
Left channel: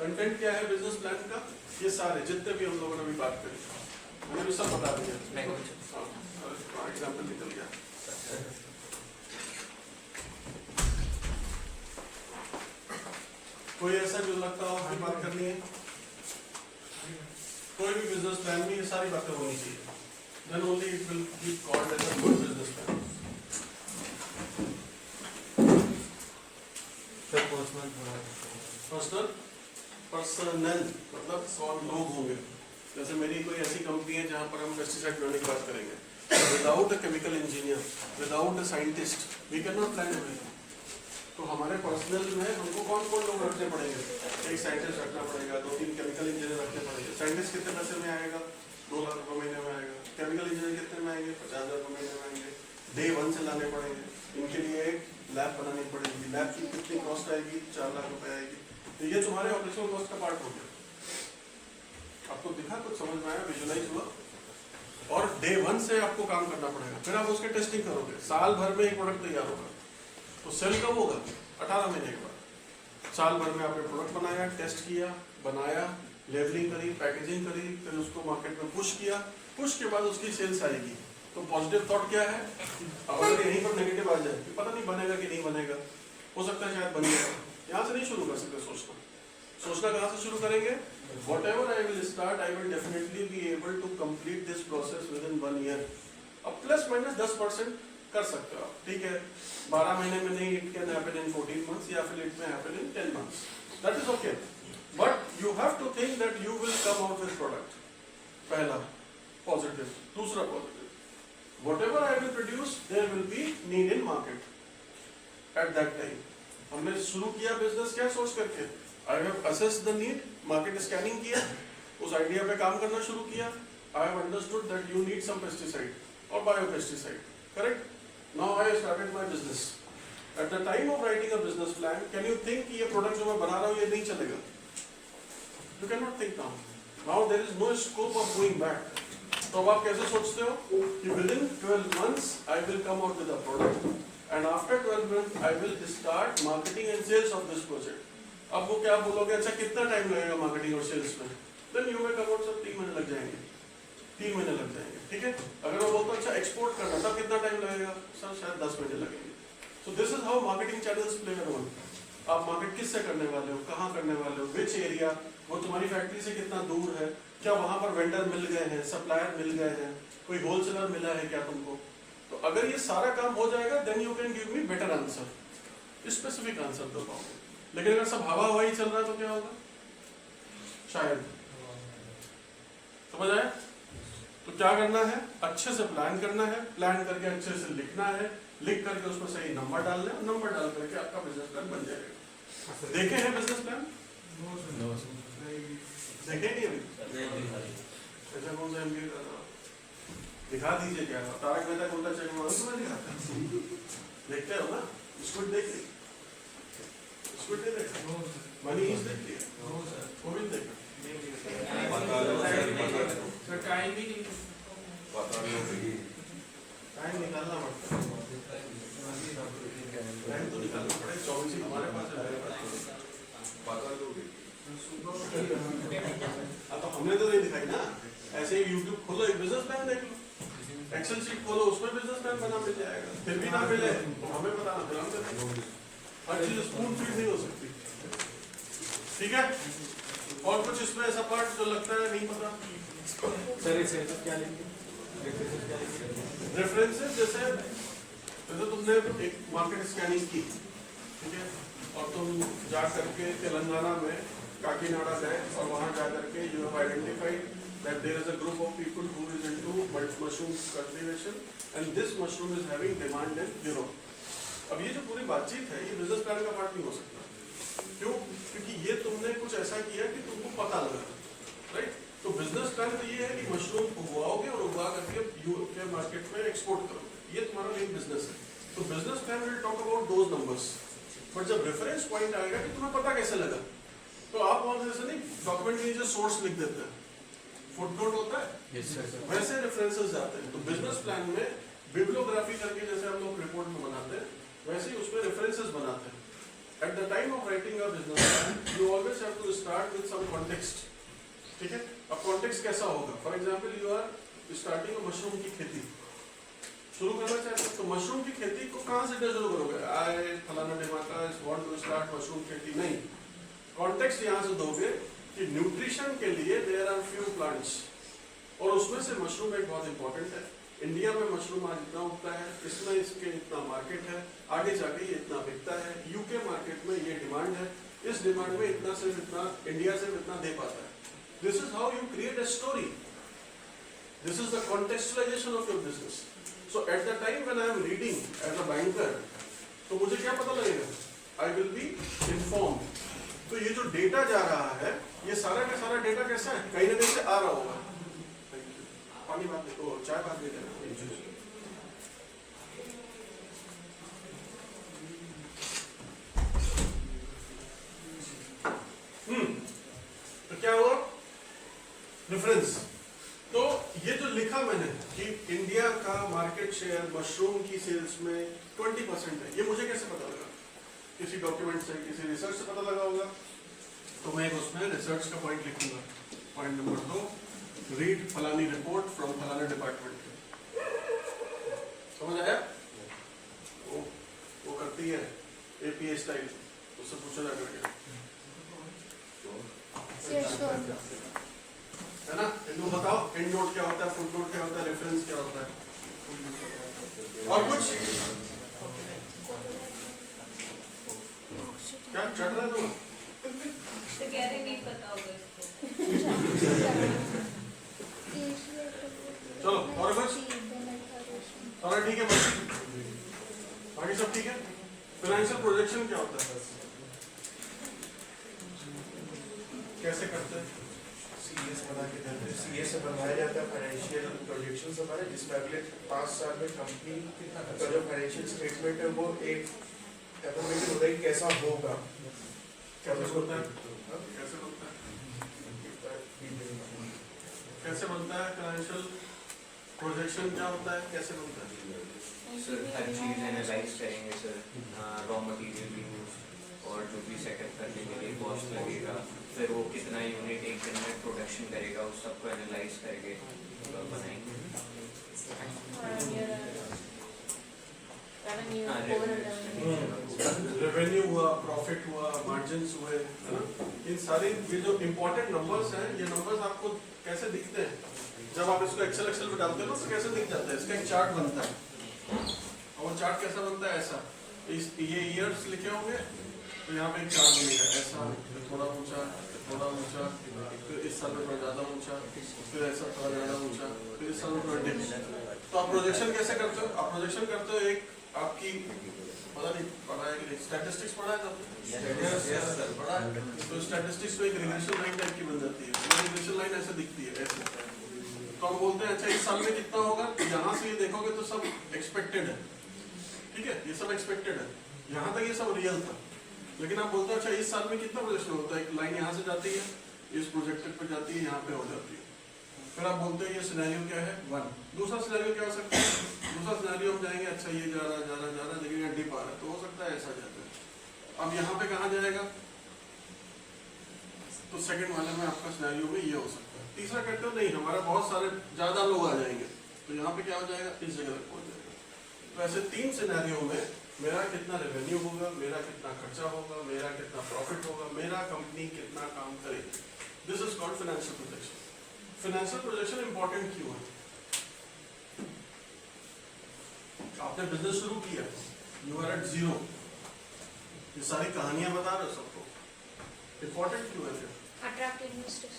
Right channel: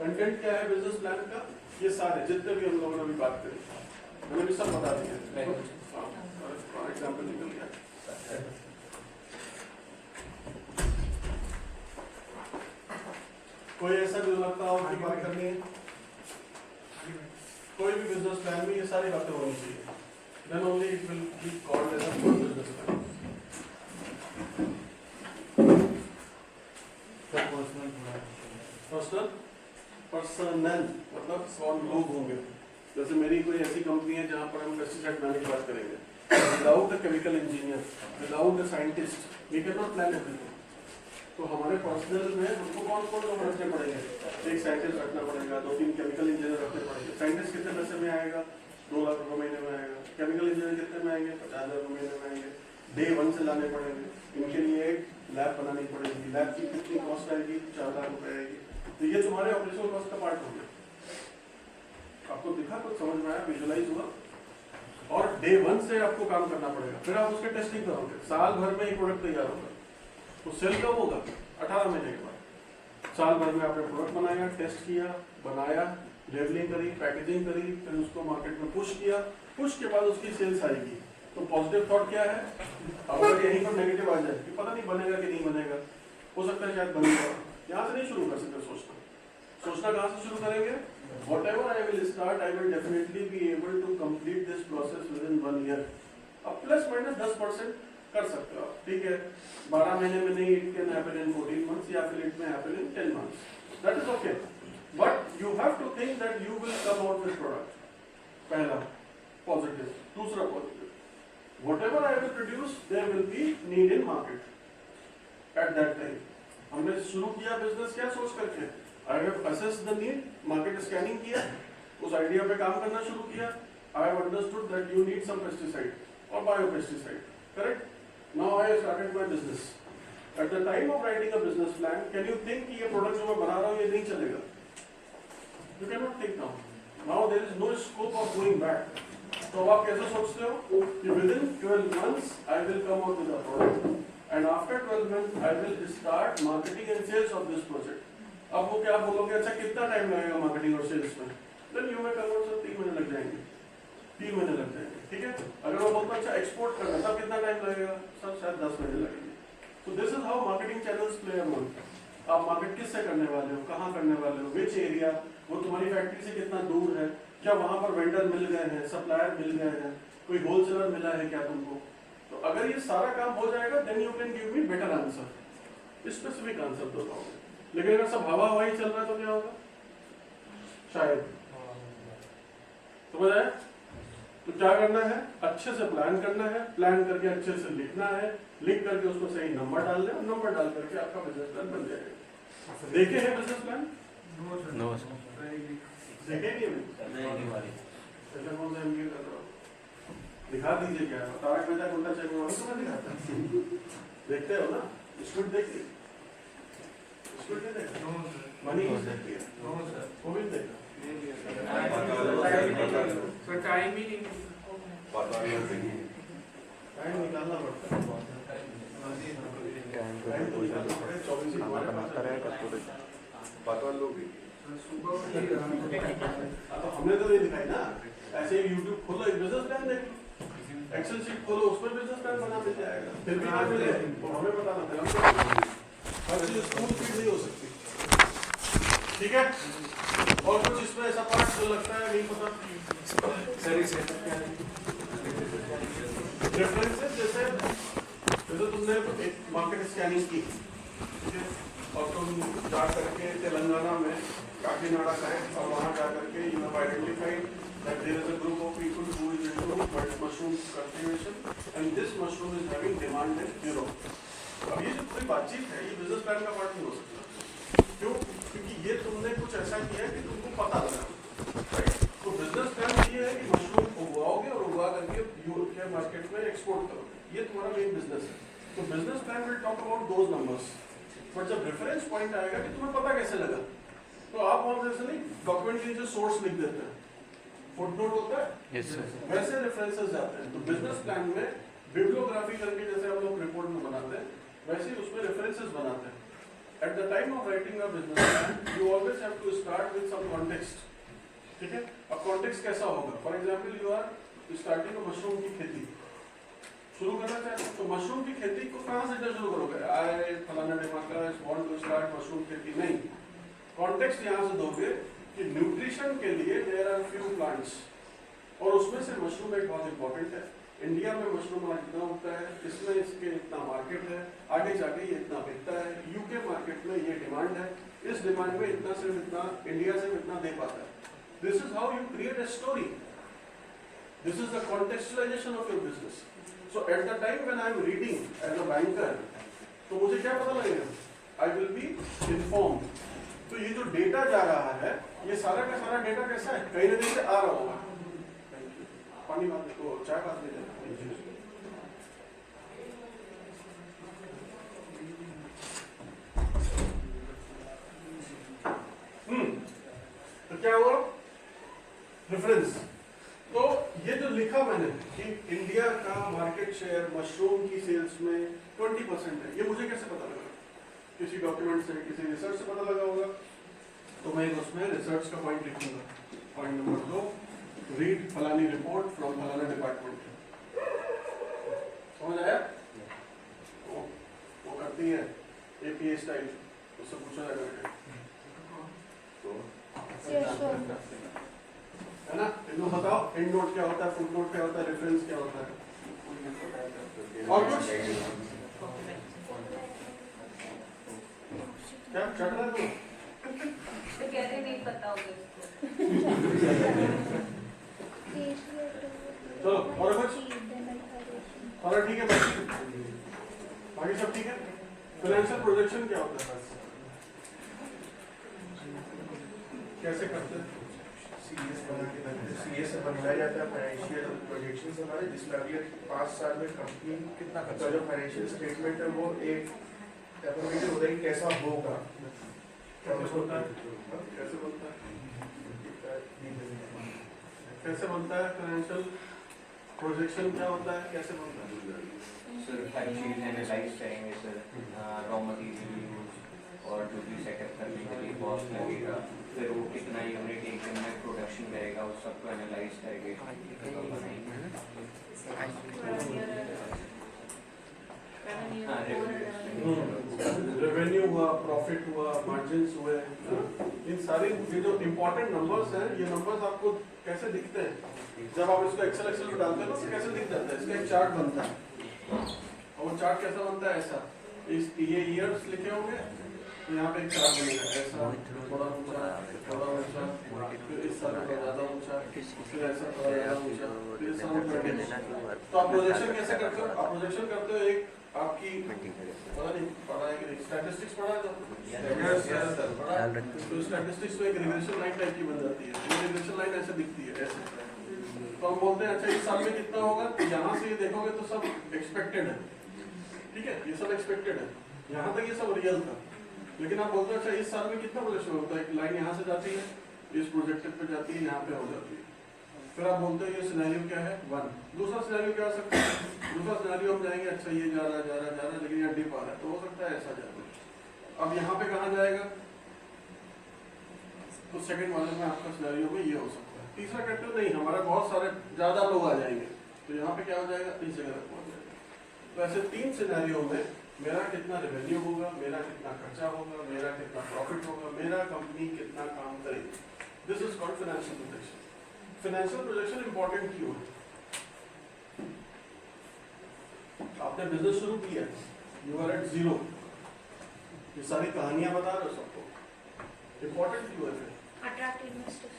कंटेंट क्या है बिजनेस प्लान का? ये सारे जितने भी हम लोगों ने अभी बात करी, मैंने भी सब बता दिया। एग्जाम्पल निकल गया। कोई ऐसा जो लगता हो कि बात करनी है? कोई भी बिजनेस प्लान में ये सारी बातें होनी चाहिए, then only it will be called as a good business plan. Personal मतलब कौन लोग होंगे। जैसे मेरी कोई ऐसी कंपनी है जहाँ पर हम पेस्टिसाइड बनाने की बात करेंगे, without a chemical engineer, without a scientist, we can not plan everything. तो हमारे पर्सनल में हमको कौन कौन लोग रखने पड़ेंगे? एक साइंटिस्ट रखना पड़ेगा, 2-3 केमिकल इंजीनियर रखने पड़ेंगे। साइंटिस्ट कितने पैसे में आएगा? 2 लाख रुपए महीने में आएगा। केमिकल इंजीनियर कितने में आएंगे? 50,000 रुपए महीने में आएंगे। डे 1 से लाने पड़ेंगे। इनके लिए एक लैब बनानी पड़ेगी, लैब की कितनी कॉस्ट आएगी? 4 लाख रुपए आएगी। तो ये तुम्हारे ऑपरेशनल कॉस्ट का पार्ट हो गया। आपको दिखा, कुछ समझ में आया, विजुअलाइज हुआ? और डे 1 से आपको काम करना पड़ेगा, फिर आप उसके टेस्टिंग करोगे। साल भर में एक प्रोडक्ट तैयार होगा, तो सेल कब होगा? 18 महीने के बाद। साल भर में आपने प्रोडक्ट बनाया, टेस्ट किया, बनाया, लेवलिंग करी, पैकेजिंग करी, फिर उसको मार्केट में पुश किया, पुश के बाद उसकी सेल्स आएगी। तो पॉजिटिव थॉट क्या है? अगर यहीं पर नेगेटिव आ जाए कि पता नहीं बनेगा कि नहीं बनेगा, हो सकता है शायद बनेगा, यहाँ से नहीं शुरू कर सकते सोचना। सोचना कहाँ से शुरू करेंगे? Whatever I will start, I will definitely be able to complete this process within 1 year. अब प्लस माइनस 10% कर सकते हो आप, ठीक है? 12 महीने में नहीं, it can happen in 14 months, या फिर it may happen in 10 months. That is okay. But you have to think that you will come out with product. पहला positive, दूसरा positive. Whatever I will produce, there will be need in market at that time. हमने शुरू किया business क्या सोच करके? I have assessed the need, market scanning किया, उस आइडिया पे काम करना शुरू किया। I have understood that you need some pesticide or biopesticide, correct? Now I started my business. At the time of writing a business plan, can you think कि ये product जो मैं बना रहा हूँ ये नहीं चलेगा? You cannot think now. Now there is no scope of going back. तो अब आप कैसे सोचते हो कि within 12 months I will come out with a product, and after 12 months I will start marketing and sales of this project. अब वो क्या बोलोगे? अच्छा कितना टाइम लगेगा मार्केटिंग और सेल्स में? देन यू में कम से 3 महीने लग जाएंगे, 3 महीने लग जाएंगे, ठीक है? अगर वो बोलता अच्छा एक्सपोर्ट करना, तब कितना टाइम लगेगा? सर शायद 10 महीने लगेंगे। So this is how marketing channels play a role. आप मार्केट किससे करने वाले हो, कहाँ करने वाले हो, विच एरिया, वो तुम्हारी फैक्ट्री से कितना दूर है, क्या वहाँ पर वेंडर मिल गए हैं, सप्लायर मिल गए हैं, कोई होलसेलर मिला है क्या तुमको? तो अगर ये सारा काम हो जाएगा, then you can give me better answer, specific answer दे पाओगे। लेकिन अगर सब हवा हवाई चल रहा है तो क्या होगा? शायद, समझ आए? तो क्या करना है? अच्छे से प्लान करना है, प्लान करके अच्छे से लिखना है, लिख करके उसमें सही नंबर डाल दें, और नंबर डाल करके आपका बिजनेस प्लान बन जाएगा। देखे हैं बिजनेस प्लान? नो देखे नहीं अभी? अच्छा कौन सा MBA कर रहा हो? दिखा दीजिए क्या? तारक मेहता का उल्टा चश्मा वाला तो मैं दिखाता। देखते हो ना? इसको देखिए, मनी देखती है, वो भी देखा। टाइम ही नहीं, टाइम निकालना पड़ता है, टाइम तो निकालना पड़ेगा। 24 ही हमारे पास है। तो हमने तो ये दिखाई ना, ऐसे ही YouTube खोलो, एक बिजनेस प्लान देख लो, एक्सेल शीट खोलो, उसमें बिजनेस प्लान बना मिल जाएगा। फिर भी ना मिले तो हमें बताना, फिर हम हर चीज स्कूल फीड नहीं हो सकती, ठीक है? और कुछ इसमें ऐसा पार्ट जो लगता है नहीं पता? रेफरेंसेस जैसे तुमने एक मार्केट स्कैनिंग की, ठीक है, और तुम जा करके तेलंगाना में काकीनाडा करें और वहाँ जा करके you have identified that there is a group of people who is into mushroom cultivation and this mushroom is having demand in Europe. अब ये जो पूरी बातचीत है ये बिजनेस प्लान का पार्ट नहीं हो सकता। क्यों? क्योंकि ये तुमने कुछ ऐसा किया कि तुमको पता लगा, राइट? तो बिजनेस प्लान ये है कि मशरूम उगवाओगे और उगवा करके यूरोप के मार्केट में एक्सपोर्ट करोगे, ये तुम्हारा मेन बिजनेस है। तो business plan will talk about those numbers, but जब रेफरेंस पॉइंट आएगा कि तुम्हें पता कैसे लगा, तो आप वहां जैसे नहीं डॉक्यूमेंट के जो सोर्स लिख देते हैं, फुटनोट होता है, yes, वैसे रेफरेंसेस जाते हैं। तो बिजनेस प्लान में बिब्लियोग्राफी करके जैसे हम लोग रिपोर्ट में बनाते हैं, वैसे ही उसमें रेफरेंसेस बनाते हैं। At the time of writing a business plan you always have to start with some context, ठीक है? अब कॉन्टेक्स्ट कैसा होगा? For example you are starting a mushroom की खेती शुरू करना चाहते हैं, तो मशरूम की खेती को कहाँ से शुरू करोगे? आई फलाना डिमाका वांट टू स्टार्ट मशरूम खेती, नहीं। कॉन्टेक्स्ट यहाँ से दोगे कि न्यूट्रिशन के लिए देयर आर फ्यू प्लांट्स, और उसमें से मशरूम एक बहुत इंपॉर्टेंट है। इंडिया में मशरूम आज इतना उगता है, इसमें इसके इतना मार्केट है, आगे जाके ये इतना बिकता है, यूके मार्केट में ये डिमांड है, इस डिमांड में इतना से इतना इंडिया से इतना दे पाता है। This is how you create a story, this is the contextualization of your business. So at the time when I am reading as a banker, तो मुझे क्या पता लगेगा, आई विल बी इन्फॉर्म्ड। तो ये जो डेटा जा रहा है, ये सारा का सारा डेटा कैसा है, कहीं ना कहीं से आ रहा होगा। पानी बात देखो, चाय बात दे देना। तो क्या हुआ डिफरेंस? तो ये जो लिखा मैंने कि इंडिया का मार्केट शेयर मशरूम की सेल्स में 20% है, ये मुझे कैसे पता लगा? किसी डॉक्यूमेंट से, किसी रिसर्च से पता लगा होगा। तो मैं उसमें रिसर्च का पॉइंट लिखूंगा। पॉइंट नंबर 2, रीड फलानी रिपोर्ट फ्रॉम फलाना डिपार्टमेंट। समझ आया? वो करती है एपीए स्टाइल, उससे पूछा जा करके, है ना? इनको बताओ एंड नोट क्या होता है, फुट नोट क्या होता है, रेफरेंस क्या होता है, और कुछ क्या चढ़ रहा है? तो कहते नहीं पता होगा इसको। चलो और कुछ? और ठीक है, बाकी सब ठीक है। फाइनेंशियल प्रोजेक्शन क्या होता है, कैसे करते हैं? सीएस से बनाया जाता है फाइनेंशियल प्रोजेक्शन हमारे, जिसमें अगले 5 साल में कंपनी कितना का जो फाइनेंशियल स्टेटमेंट है वो एक एफर्मेटिव होता है कि कैसा होगा। कैसे बनता है? कैसे बनता है? कैसे बनता है फाइनेंशियल प्रोजेक्शन, क्या होता है, कैसे बनता है? सर हर चीज एनालाइज करेंगे सर, रॉ मटेरियल यूज और जो भी सेटअप करने के लिए कॉस्ट लगेगा, फिर वो कितना यूनिट एक दिन में प्रोडक्शन करेगा, उस सबको एनालाइज करके बनाएंगे। रेवेन्यू हुआ, प्रॉफिट हुआ, मार्जिन्स हुए, है ना? इन सारे ये जो इम्पोर्टेंट नंबर्स हैं, ये नंबर्स आपको कैसे दिखते हैं? जब आप इसको एक्सेल में डालते हो तो कैसे दिख जाता है? इसका एक चार्ट बनता है, और वो चार्ट कैसा बनता है? ऐसा, ये ईयर्स लिखे होंगे, तो यहाँ पे एक चार्ट बनेगा ऐसा, थोड़ा ऊंचा, थोड़ा ऊंचा, फिर इस साल में ज़्यादा ऊंचा, फिर ऐसा थोड़ा ज़्यादा ऊंचा, फिर इस साल में। तो आप प्रोजेक्शन कैसे करते हो? आप प्रोजेक्शन करते हो, एक आपकी पता नहीं पढ़ा है कि नहीं, स्टैटिस्टिक्स पढ़ा है तो पढ़ा है। तो स्टैटिस्टिक्स में एक रिग्रेशन लाइन टाइप की बन जाती है, तो रिग्रेशन लाइन ऐसे दिखती है ऐसे। तो हम बोलते हैं अच्छा इस साल में कितना होगा, तो यहाँ से ये देखोगे तो सब एक्सपेक्टेड है, ठीक है, ये सब एक्सपेक्टेड है, यहाँ तक ये सब रियल था। लेकिन आप बोलते हो अच्छा इस साल में कितना प्रोजेक्शन होता है, एक लाइन यहाँ से जाती है, इस प्रोजेक्टेड पे जाती है, यहाँ पे हो जाती है। फिर आप बोलते हो ये सिनेरियो क्या है, 1। दूसरा सिनेरियो क्या हो सकता है? दूसरा सिनेरियो हम जाएंगे, अच्छा ये जा रहा लेकिन यहाँ डिप आ रहा है, तो हो सकता है ऐसा जाता है। अब यहाँ पे कहाँ जाएगा? तो सेकंड वाले में आपका सिनेरियो में ये हो सकता है। तीसरा कहते हो नहीं हमारा बहुत सारे ज्यादा लोग आ जाएंगे, तो यहाँ पे क्या हो जाएगा, इस जगह तक पहुंच जाएगा। तो ऐसे 3 सिनेरियो में मेरा कितना रेवेन्यू होगा, मेरा कितना खर्चा होगा, मेरा कितना प्रॉफिट होगा, मेरा कंपनी कितना काम करेगी। This is called financial projection. Financial projection important क्यों है? आपने बिजनेस शुरू किया, यू आर एट 0, ये सारी कहानियां बता रहे हो सबको, इंपॉर्टेंट क्यों है? Attract investors.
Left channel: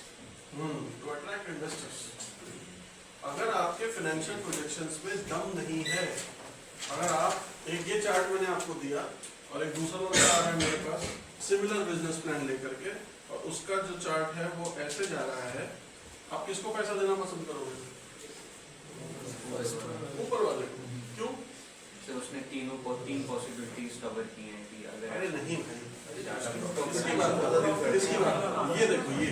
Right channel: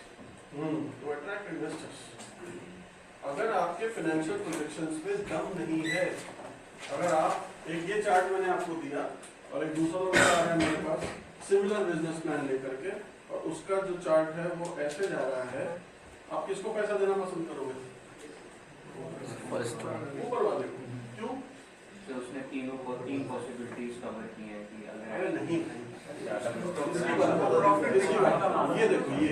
To attract investors. अगर आपके फाइनेंशियल प्रोजेक्शंस में दम नहीं है, अगर आप एक ये चार्ट मैंने आपको दिया और एक दूसरा वाला आ रहा है मेरे पास सिमिलर बिजनेस प्लान लेकर के, और उसका जो चार्ट है वो ऐसे जा रहा है, आप किसको पैसा देना पसंद करोगे? ऊपर वाले को। क्यों? सर उसने 3 पॉसिबिलिटीज कवर की हैं कि अगर अरे नहीं इसकी बात ये देखो, ये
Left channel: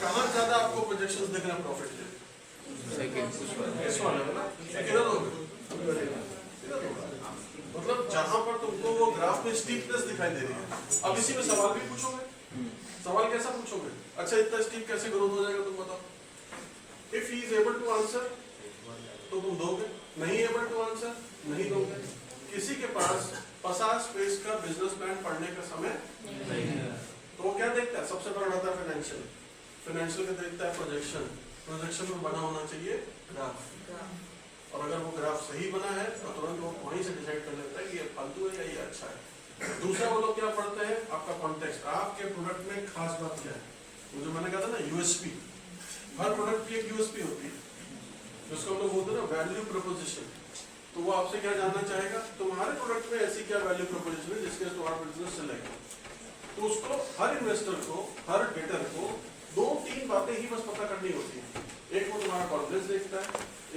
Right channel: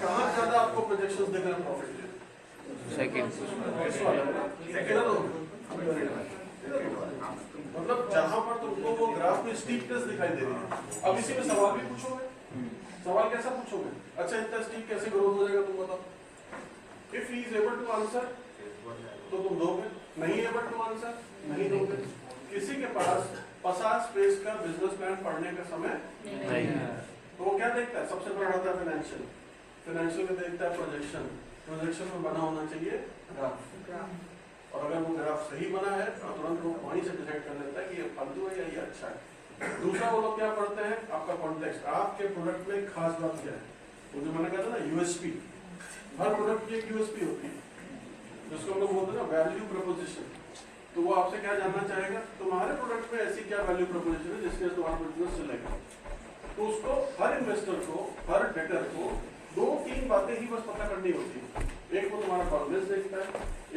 कहाँ ज्यादा आपको प्रोजेक्शंस दिख रहे हैं प्रॉफिट के? इस वाले में। मतलब जहां पर तुमको वो ग्राफ में स्टीपनेस दिखाई दे रही है। अब इसी में सवाल भी पूछोगे, सवाल कैसा पूछोगे? अच्छा इतना स्टीप कैसे ग्रोथ हो जाएगा तुम बताओ। If he is able to answer तो तुम दोगे, नहीं एबल टू आंसर नहीं दोगे। किसी के पास 50 पेज का बिजनेस प्लान पढ़ने का समय नहीं है। तो वो क्या देखता है? सबसे बड़ा होता है फाइनेंशियल, फाइनेंशियल का देखता है प्रोजेक्शन, प्रोजेक्शन में बना होना चाहिए ग्राफ, और अगर वो ग्राफ सही बना है तो तुरंत वो वहीं से डिसाइड कर लेता है कि ये फालतू है या ये अच्छा है। दूसरा वो लोग क्या पढ़ते हैं? आपका कॉन्टेक्स्ट, आपके प्रोडक्ट में खास बात क्या है। वो जो मैंने कहा था ना यूएसपी, हर प्रोडक्ट की एक यूएसपी होती है, जिसको हम लोग बोलते हैं ना वैल्यू प्रोपोजिशन। तो वो आपसे क्या जानना चाहेगा? तुम्हारे प्रोडक्ट में ऐसी क्या वैल्यू प्रोपोजिशन है जिसके तुम्हारा बिजनेस चलेगा। तो उसको हर इन्वेस्टर को, हर डेटर को 2-3 बातें ही बस पता करनी होती है। एक वो तुम्हारा कॉन्फिडेंस देखता है,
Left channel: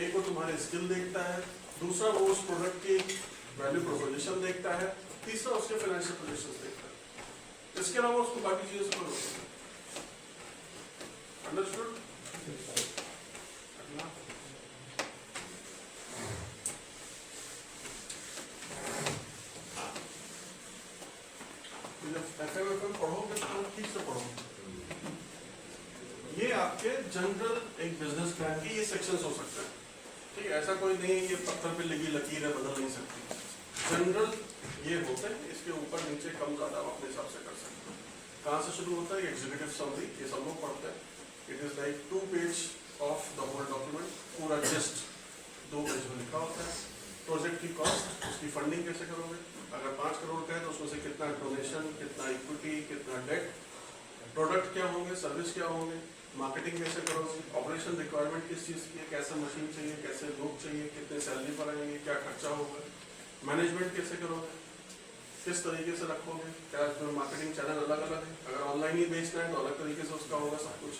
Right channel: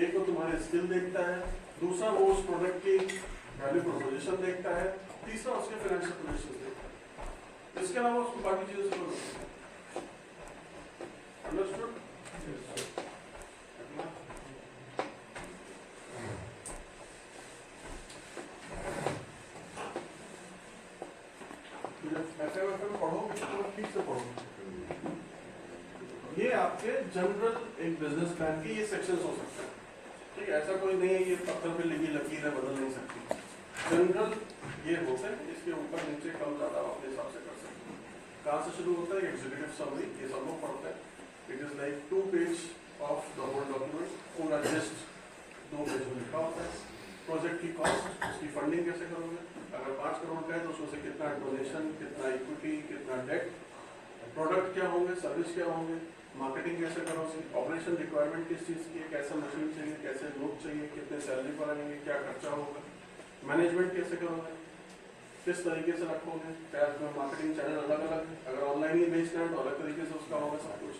एक वो तुम्हारे स्किल देखता है, दूसरा वो उस प्रोडक्ट की वैल्यू प्रोपोजिशन देखता है, तीसरा उसके फाइनेंशियल पोजीशन देखता है। इसके अलावा उसको बाकी चीजें समझ होती है। अंडरस्टूड? FMFM पढ़ोगे तो ठीक से पढ़ोगे। ये आपके जनरल एक बिजनेस प्लान की ये सेक्शंस हो सकते हैं, ठीक है? ऐसा कोई नहीं है ये पत्थर पे लगी लकीर है, बदल नहीं सकती। जनरल ये होते हैं, इसके ऊपर नीचे कम ज्यादा आप अपने हिसाब से कर सकते हैं। कहाँ से शुरू होता है? एग्जीक्यूटिव समरी, ये सब लोग पढ़ते हैं। It is like 2 page of the whole document, पूरा जस्ट 2 पेज में लिखा होता है। प्रोजेक्ट की कॉस्ट, उसकी फंडिंग कैसे करोगे, अगर 5 करोड़ का है तो उसमें से कितना डोनेशन, कितना इक्विटी, कितना डेट, प्रोडक्ट क्या होंगे, सर्विस क्या होंगे, मार्केटिंग कैसे करोगे, ऑपरेशन रिक्वायरमेंट किस चीज़ की है, कैसे मशीन चाहिए, कैसे लोग चाहिए, कितने सैलरी पर आएंगे, क्या खर्चा होगा, मैनेजमेंट कैसे करोगे, किस तरीके से रखोगे, क्या इसमें मार्केटिंग चैनल अलग अलग है, अगर ऑनलाइन ही बेचना है तो अलग तरीके से उसका होगा सब कुछ,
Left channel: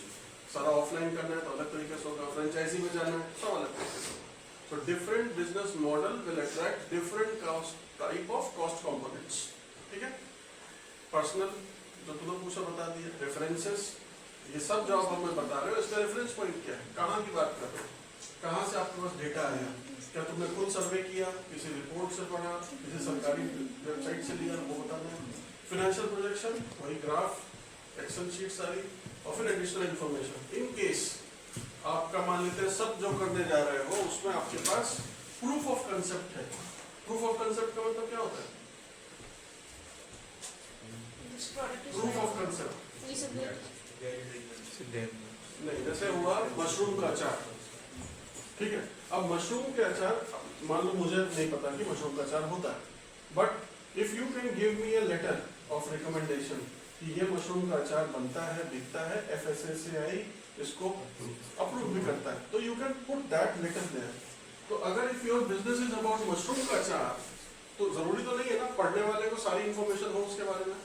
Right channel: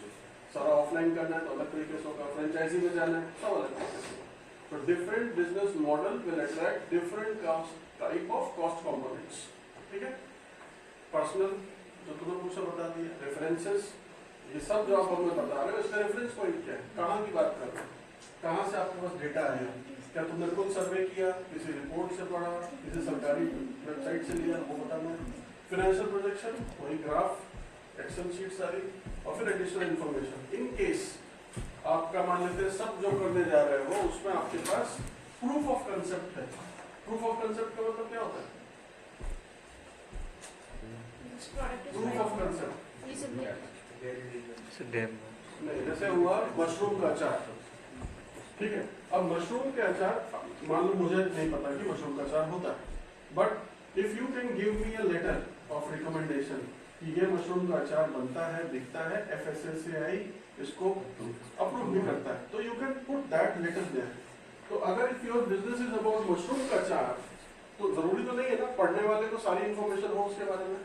सारा ऑफलाइन करना है तो अलग तरीके से होगा, फ्रेंचाइजी में जाना है सब अलग तरीके से होगा। So different business model will attract different cost type of cost components, ठीक है? पर्सनल जो तुमने पूछा बता दिया, रेफरेंसेस, ये सब जो आप हमें बता रहे हो इसका रेफरेंस पॉइंट क्या है, कहाँ की बात कर रहे हो, कहाँ से आपके पास डेटा आया, क्या तुमने खुद सर्वे किया, किसी रिपोर्ट से पढ़ा, किसी सरकारी वेबसाइट से लिया, वो बताना। फाइनेंशियल प्रोजेक्शन, वही ग्राफ, एक्सेल शीट सारी, और फिर एडिशनल इन्फॉर्मेशन। इन केस आपका मान लेते हैं सब जो करने जा रहे हो उसमें आपके पास प्रूफ ऑफ कंसेप्ट है। प्रूफ ऑफ कंसेप्ट का मतलब क्या होता है? प्रूफ ऑफ कंसेप्ट नहीं, जैसे हुआ मशरूम का अचार, ठीक है? अब मशरूम के अचार, मान लो मुझे नहीं पता कि मशरूम का अचार होता है, but if you can give me a letter of recommendation कि ये मशरूम का अचार बनता है, बिकता है, FSSAI इसको अप्रूव भी करता है, तो you can put that letter there. तो अगर if your business is about mushroom का अचार, तो जरूरी तो नहीं है ना पढ़ने वाले को सारी इन्फॉर्मेशन हो उसके बारे में,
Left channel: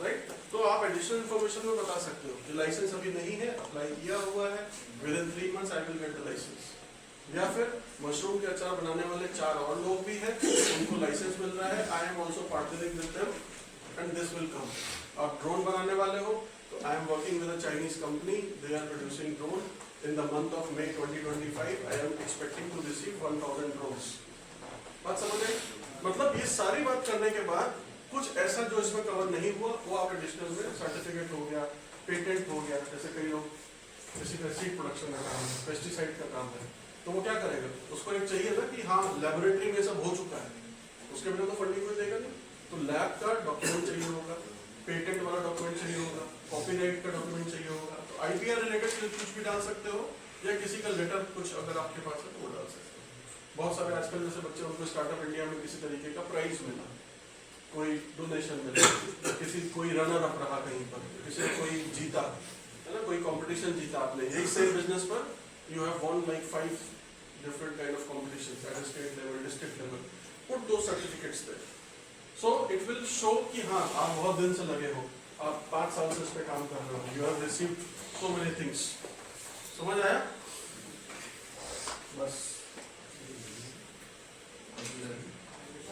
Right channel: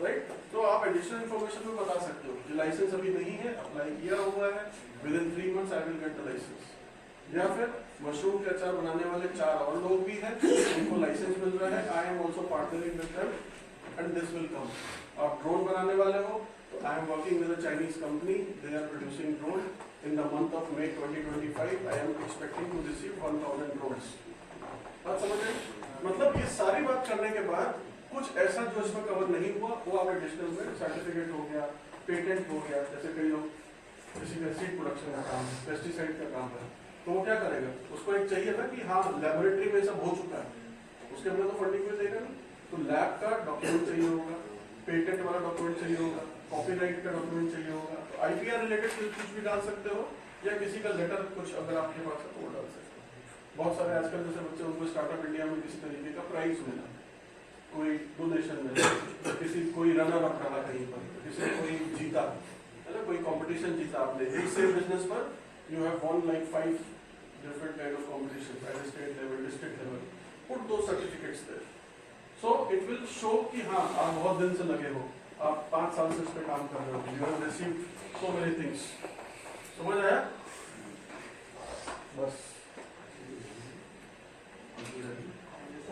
राइट? तो आप एडिशनल इन्फॉर्मेशन में बता सकते हो कि लाइसेंस अभी नहीं है, अप्लाई किया हुआ है, within 3 months I will get the licence. या फिर मशरूम के अचार बनाने वाले 4 और लोग भी हैं, उनको लाइसेंस मिल रहा है, I am also partnering with them and this will come. आप ड्रोन बनाने वाले हो तो I am working with a Chinese company, they are producing drone in the month of May 2025, I am expecting to receive 1000 drones. बात समझ आई? मतलब ये सारी बात करने के बाद कुछ ऐसा जो इसमें कवर नहीं हुआ वो आप एडिशनल में, सर्टिफिकेट हो गया, पेटेंट हो गया, जैसे कई लोग किसी का सीड प्रोडक्शन का काम है, पेस्टिसाइड का काम है, तो वो क्या करेगा? उसको एक चाहिए ना कि हाँ लैबोरेटरी में सब हो चुका है, उसके अपने तो फंडिंग में देगा नहीं, तो लैब का डॉक्यूमेंट चाहिए होगा, पेटेंट वाला डॉक्यूमेंट चाहिए होगा, कॉपीराइट का डॉक्यूमेंट चाहिए होगा, तो IPR रिलेटेड कुछ भी डाल सकते हो, या किसी का लेटर कुछ अगर आपके पास है तो वो डाल सकते हो। बहुत सारे आजकल जैसे बच्चे, उनको स्टार्टअप इंडिया में किसी तरीके का प्राइज मिला, कोई डोनेशन मिला, किसी कोई रनर अप रहा कहीं पर, किसी कोई जीता है ना, कोई कंपटीशन जीता आपने, यही सेम बिजनेस पर you have von like 5 different kind of competition at the state level, district level, put those certificates there, so it will show कि हाँ आप बहुत दिन से लगे हो, आप 5 साल से इस पे काम कर रहे हो, you have received so many things। समझ आया? बस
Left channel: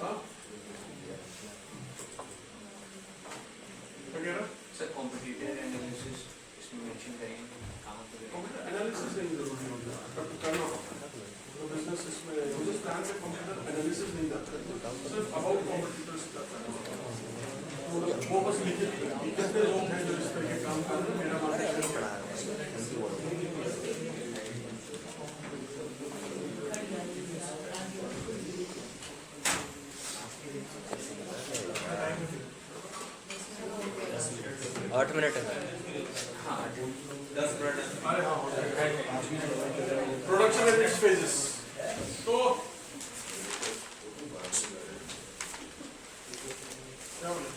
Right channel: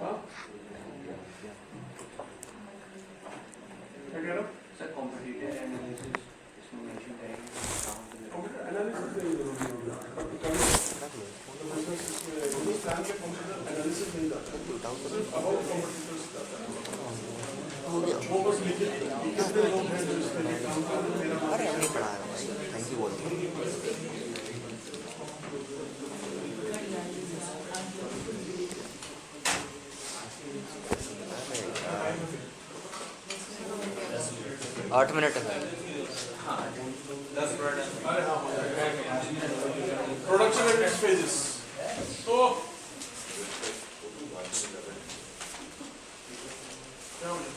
हाँ क्या कह रहा? सर कॉम्पिटिटिव एनालिसिस इसमें मेंशन करेंगे कहाँ पे? एनालिसिस नहीं जरूरी होगा, पर कर लो तो बिजनेस इसमें बिजनेस प्लान के कंप्यूटर एनालिसिस नहीं जाता है, सिर्फ अबाउट कॉम्पिटिटर्स तो वो बस लिखे कितने लोग हैं जो इस तरह के काम कर रहे हैं, मेरा 8 मिनट है। 10 प्रोडक्ट अरे हाँ, हो जाएगा। Production and it's phases. तो क्या हो गया?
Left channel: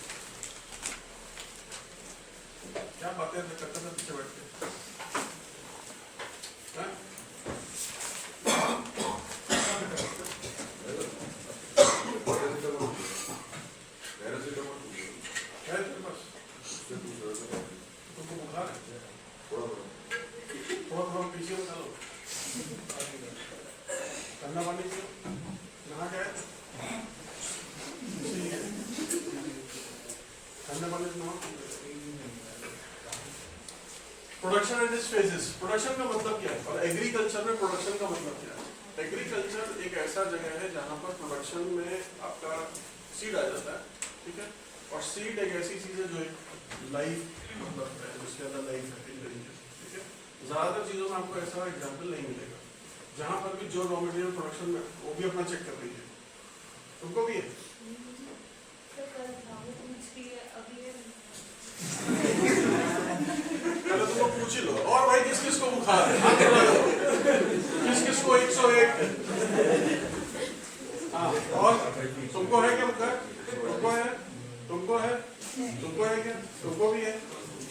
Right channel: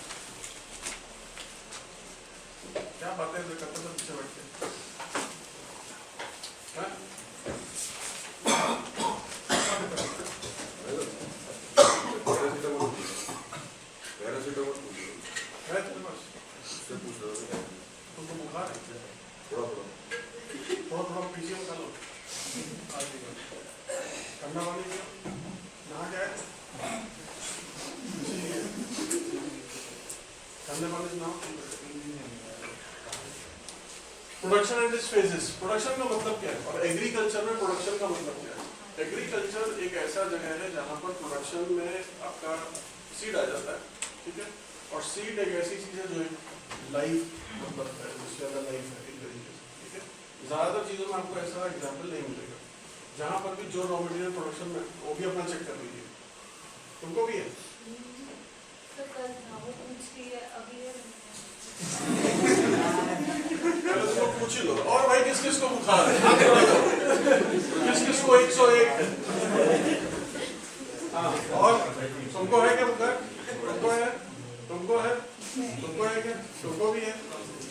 क्या बातें करते थे पीछे बैठ के? हैं? है तेरे पास? तुमको बुखार है? थोड़ा पीछे में चलो। ठंडा पानी पियो। नहा के आए? ठंडे पानी से नहाओ। Production and it's phases. Production का मतलब क्या है और एग्रीकल्चर में प्रोडक्शन का मतलब क्या है? एग्रीकल्चर एक ऐसा जगह है जहाँ पर प्रोडक्शन में आपका सीड आ जाता है, ठीक है? और सीड एक ऐसी चीज है जो एक लाइफ मतलब है, जिसके अंदर लाइफ है एक तरीके से, ठीक है? ज्यादातर चीजों में आपको ऐसा एग्जाम्पल नहीं मिलेगा। जहाँ पर भी जो रॉ मटेरियल प्रोडक्शन में वो भी अपना चेक कर लीजिए। तुमको भी है? तो कल था वो पूछ रही है अभी है। पहले तुमको पूछ ही लो। और भाई किस किस को बुखार है? किस किस को 101? हाँ, और तुमको है क्या बुखार? तुमको है? तुमको है? तुमको है क्या? तुमको भी है?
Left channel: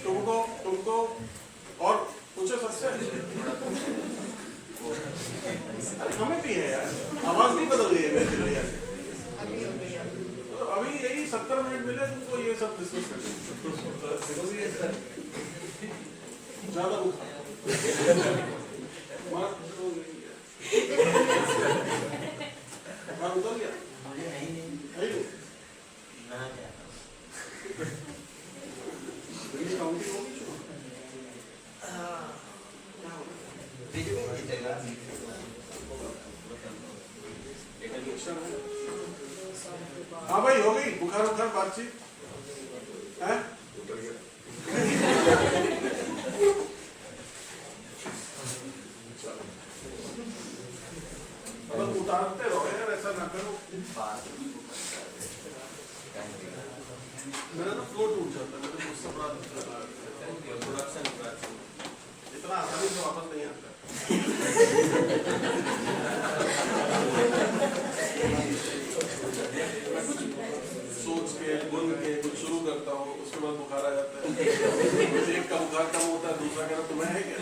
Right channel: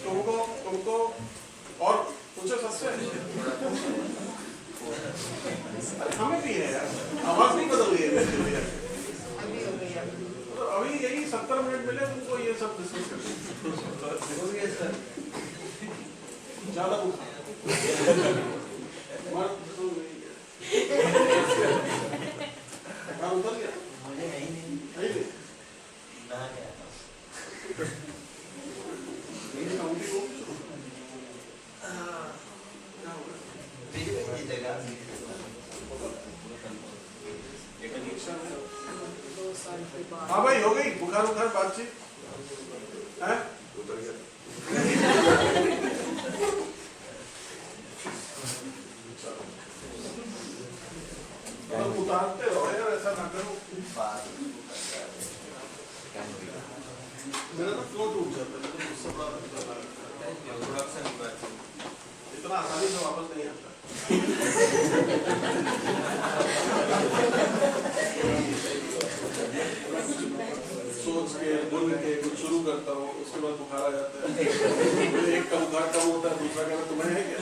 तुमको और पूछो सबसे। हमें भी है यार, आवाज नहीं बदल रही है मेरे लिए। अभी यही 70 मिनट मिले तुमको ये सब डिस्कस करने। ज्यादा उतर गया मुझे नहीं नहीं ना गया ये काउंटिंग होगी शुरू। हाँ भाई हो गई बुखार उखार बातचीत है? मतलब उतारते रहो यार, ऐसा ना करो। मेरा ना फ्लो टूट जाता है, मतलब मुझसे इतना आसानी से वापस नहीं आता। सोच के बुन के कुछ शुरू करता हूँ, उसके बाद बुखार आ जाता है। मुझे एक का बुखार कम होता है, दूसरा कहना तुम्हें है क्या?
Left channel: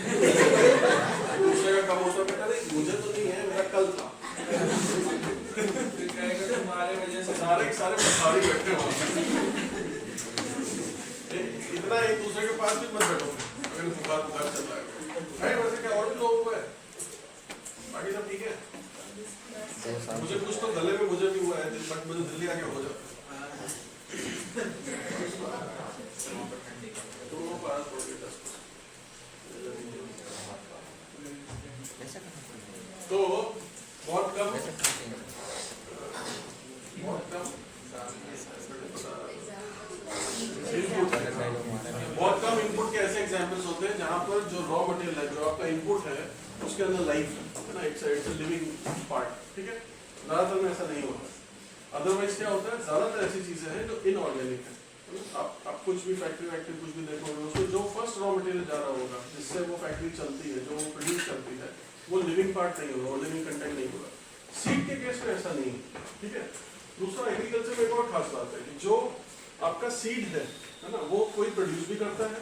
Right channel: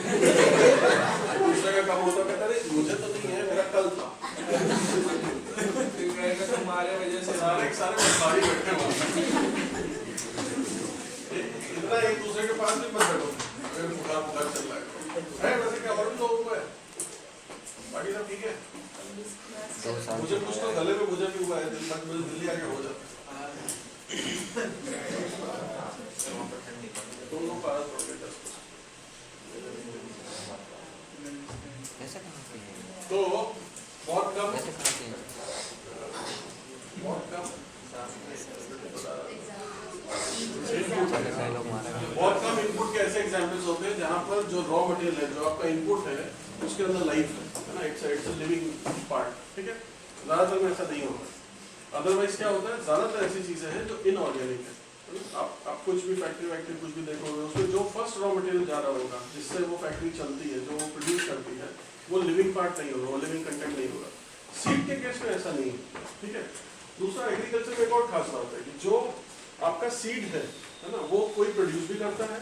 दूसरे का कम होता है, कहता नहीं मुझे तो नहीं है, मेरा कल था। तुम्हारे वजह से सारे बुखारी बैठे हुए इतना एक दूसरे के पास भी मत बैठो। अगर बुखार चल रहा है वैसे क्या और भी लोगों को है, बाकी सब ठीक है। मुझे कुछ तो गले में मुझे भी हुआ है, मुझे दिल्ली आके हो जाता है। तुमको पारस पड़ गया तो बहुत कम इनपुट के ऐसे एग्जांपल्स होते हैं जहां पर जो रॉ मटेरियल है, जो आपका इनपुट है, उसके अंदर लाइफ है ना, इट्स अ लिविंग पार्ट, ठीक है? ज्यादातर में ऐसा नहीं होता। अदरवाइज क्या होता है, ज्यादातर ऐसी चीजें हैं जो इनऑर्गेनिक है। आप कुछ भी फैक्ट्री कुछ भी देखोगे, उसमें जो फर्स्ट रॉ मटेरियल जा रहा होगा, जिससे वो फैक्ट्री चलती है, जो प्रोड्यूस करती है, वो लिविंग पार्ट नहीं होगा, लिविंग कंटेंट नहीं होगा। सीड के केस में ऐसा नहीं है, ठीक है? दूसरा, एग्रीकल्चर में एक और खास बात है कि जो आपका सीड है ना, वो कोई प्रोड्यूस भी करता है,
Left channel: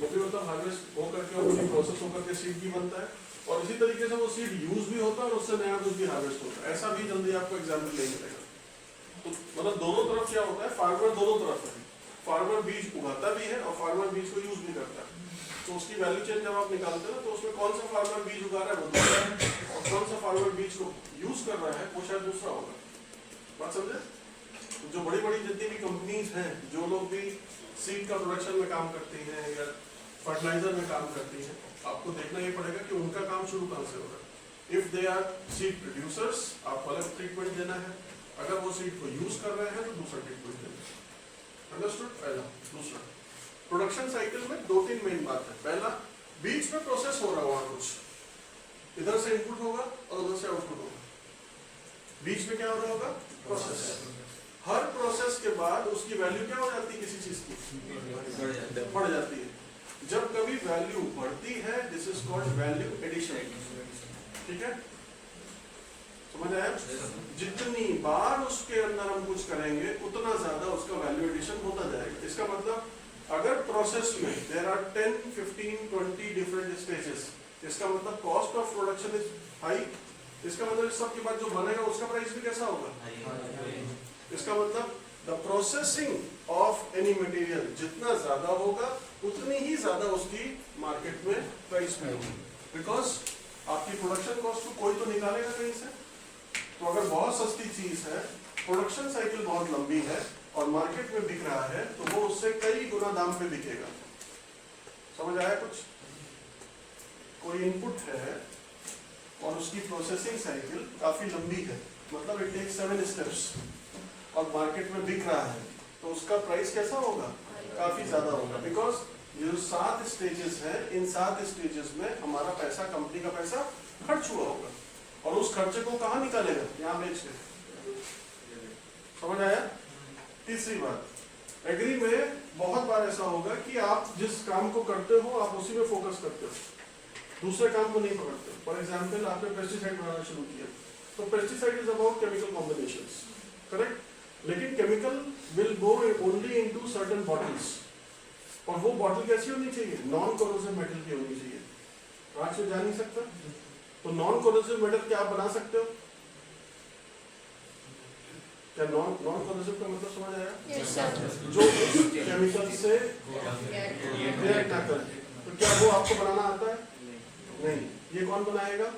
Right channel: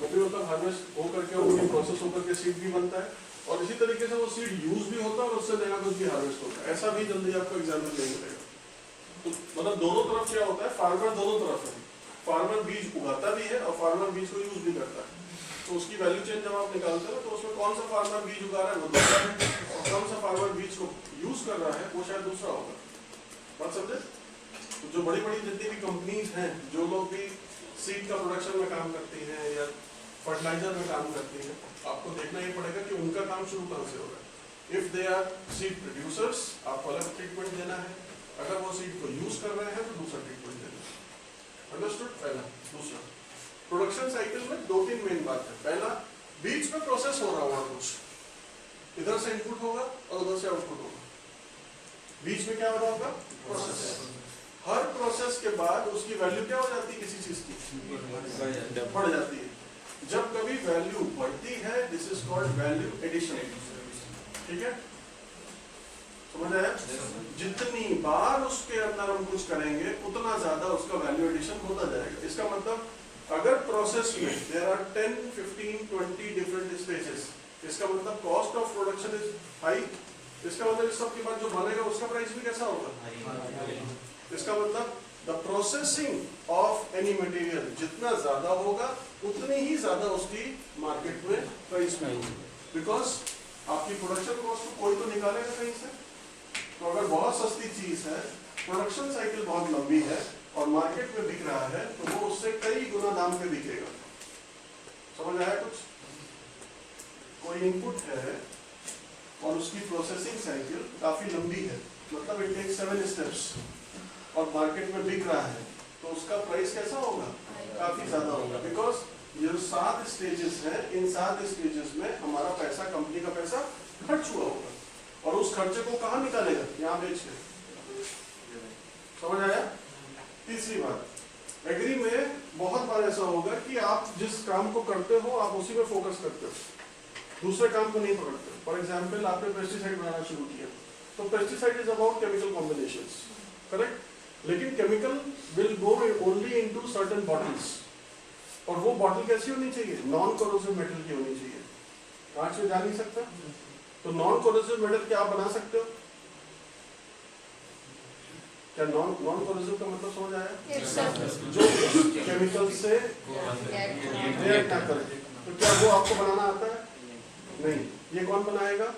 वो भी मतलब हार्वेस्ट होकर के वो प्रोसेस होकर के सीड भी बनता है, और इसी तरीके से वो सीड यूज भी होता है और उससे नया कुछ भी हार्वेस्ट होता है। ऐसा भी जल्दी आपको एग्जाम्पल नहीं मिलेगा। तो मतलब दोनों तरफ क्या होता है, फार्मर दोनों तरफ है। फार्मर बीज उगाता भी है और फार्मर बीज को यूज भी करता है। तो उसकी वैल्यू चेन जब आप निकालते हैं ना, तो उसमें कौन सा फार्मर बीज उगा रहा है वो दूसरा है, और कौन सा फार्मर बीज को यूज कर रहा है वो शायद दूसरा होगा। बात समझे? जो बड़ी बड़ी जितनी भी कंपनीज हैं, जो लोग भी सीड का प्रोडक्शन में काम करती हैं या फर्टिलाइजर में काम करती हैं, आपको देखना ही पड़ेगा कि उनका काम शुरू कहाँ से होगा। If they are seed producers, आपको अलग ट्रीटमेंट देना है। अगर वो सीड को यूज कर रहे हैं तो दूसरा ट्रीटमेंट देना है। अंडरस्टूड? पहला। दूसरा, प्रोडक्शन साइकिल में 2-3 मेन बात है। पहला, बीच में प्रोसेस हो रहा होगा कुछ, इधर से इनपुट होगा और उधर से आउटपुट होगा। बीच में क्या हो रहा होगा? प्रोसेस। हर प्रोसेस के बाद उसकी वैल्यू क्या हो जाती है किसी चीज की? बढ़ जाती है। जब कभी वैल्यू बढ़ती है this is called value addition. ठीक है, समझ आया? जितनी बार उसके अंदर हम कुछ करेंगे उतना ज्यादा उसका वैल्यू एडिशन होता जाएगा। इसका मतलब अगर प्रोसेस में देयर आर 10, 15, 20 डिफरेंट स्टेजेस, इसका मतलब cost of production is high. इसका मतलब इस सब के बाद जो बनेगा उसका प्राइस भी कैसा होगा? इसका मतलब the processing of any material जितना ज्यादा होगा उतनी ही ज्यादा उसकी मार्केट में प्राइस में होगी। बिकॉज आपकी प्रोडक्शन कॉस्ट को कोई तो निकालेगा कहीं से। तो अगर बहुत सस्ती चीज है, प्रोडक्शन साइकिल बहुत लंबी है और मार्केट में बिक रहा है तो वो उससे कई गुना दाम पे बिकेगा। समझ आया कुछ? कोई इनपुट है और उसकी प्रोसेसिंग साइकिल काफी लंबी है, मतलब इट टेक्स 7 स्टेप्स और मार्केट में बिक रहा है तो उसका प्राइस कैसा होगा? काफी ज्यादा होगा। बिकॉज ये जो 7 स्टेजेस हैं, इन 7 स्टेजेस में हमारा पैसा, कंपनी का पैसा खर्च हुआ होगा और उस खर्चे को कहाँ निकालेगा? यहाँ बेच के। समझ आया? तीसरी बात, एग्री में बहुत बार ऐसा होगा कि आप जिस काम को करते हो आप उसी में फोकस करते हो, दूसरे काम को नहीं पकड़ते। फॉर एग्जाम्पल आपने पेस्टिसाइड बनाना शुरू किया तो pesticide is about chemical combinations, correct? लेकिन chemical will go only into certain bottles और वो बॉटल कैसी होनी चाहिए? नॉन कोरोसिव मेटल की होनी चाहिए। कांच से जा नहीं सकता तो नॉन कोरोसिव मेटल क्या आप बना सकते हो? क्या नॉन कोरोसिव का मतलब समझ आया? Yes, sir. जो केमिकल से रिएक्ट ना करे। तो क्या वो आपको बनाना आता है? नहीं। ये कौन बनाएगा?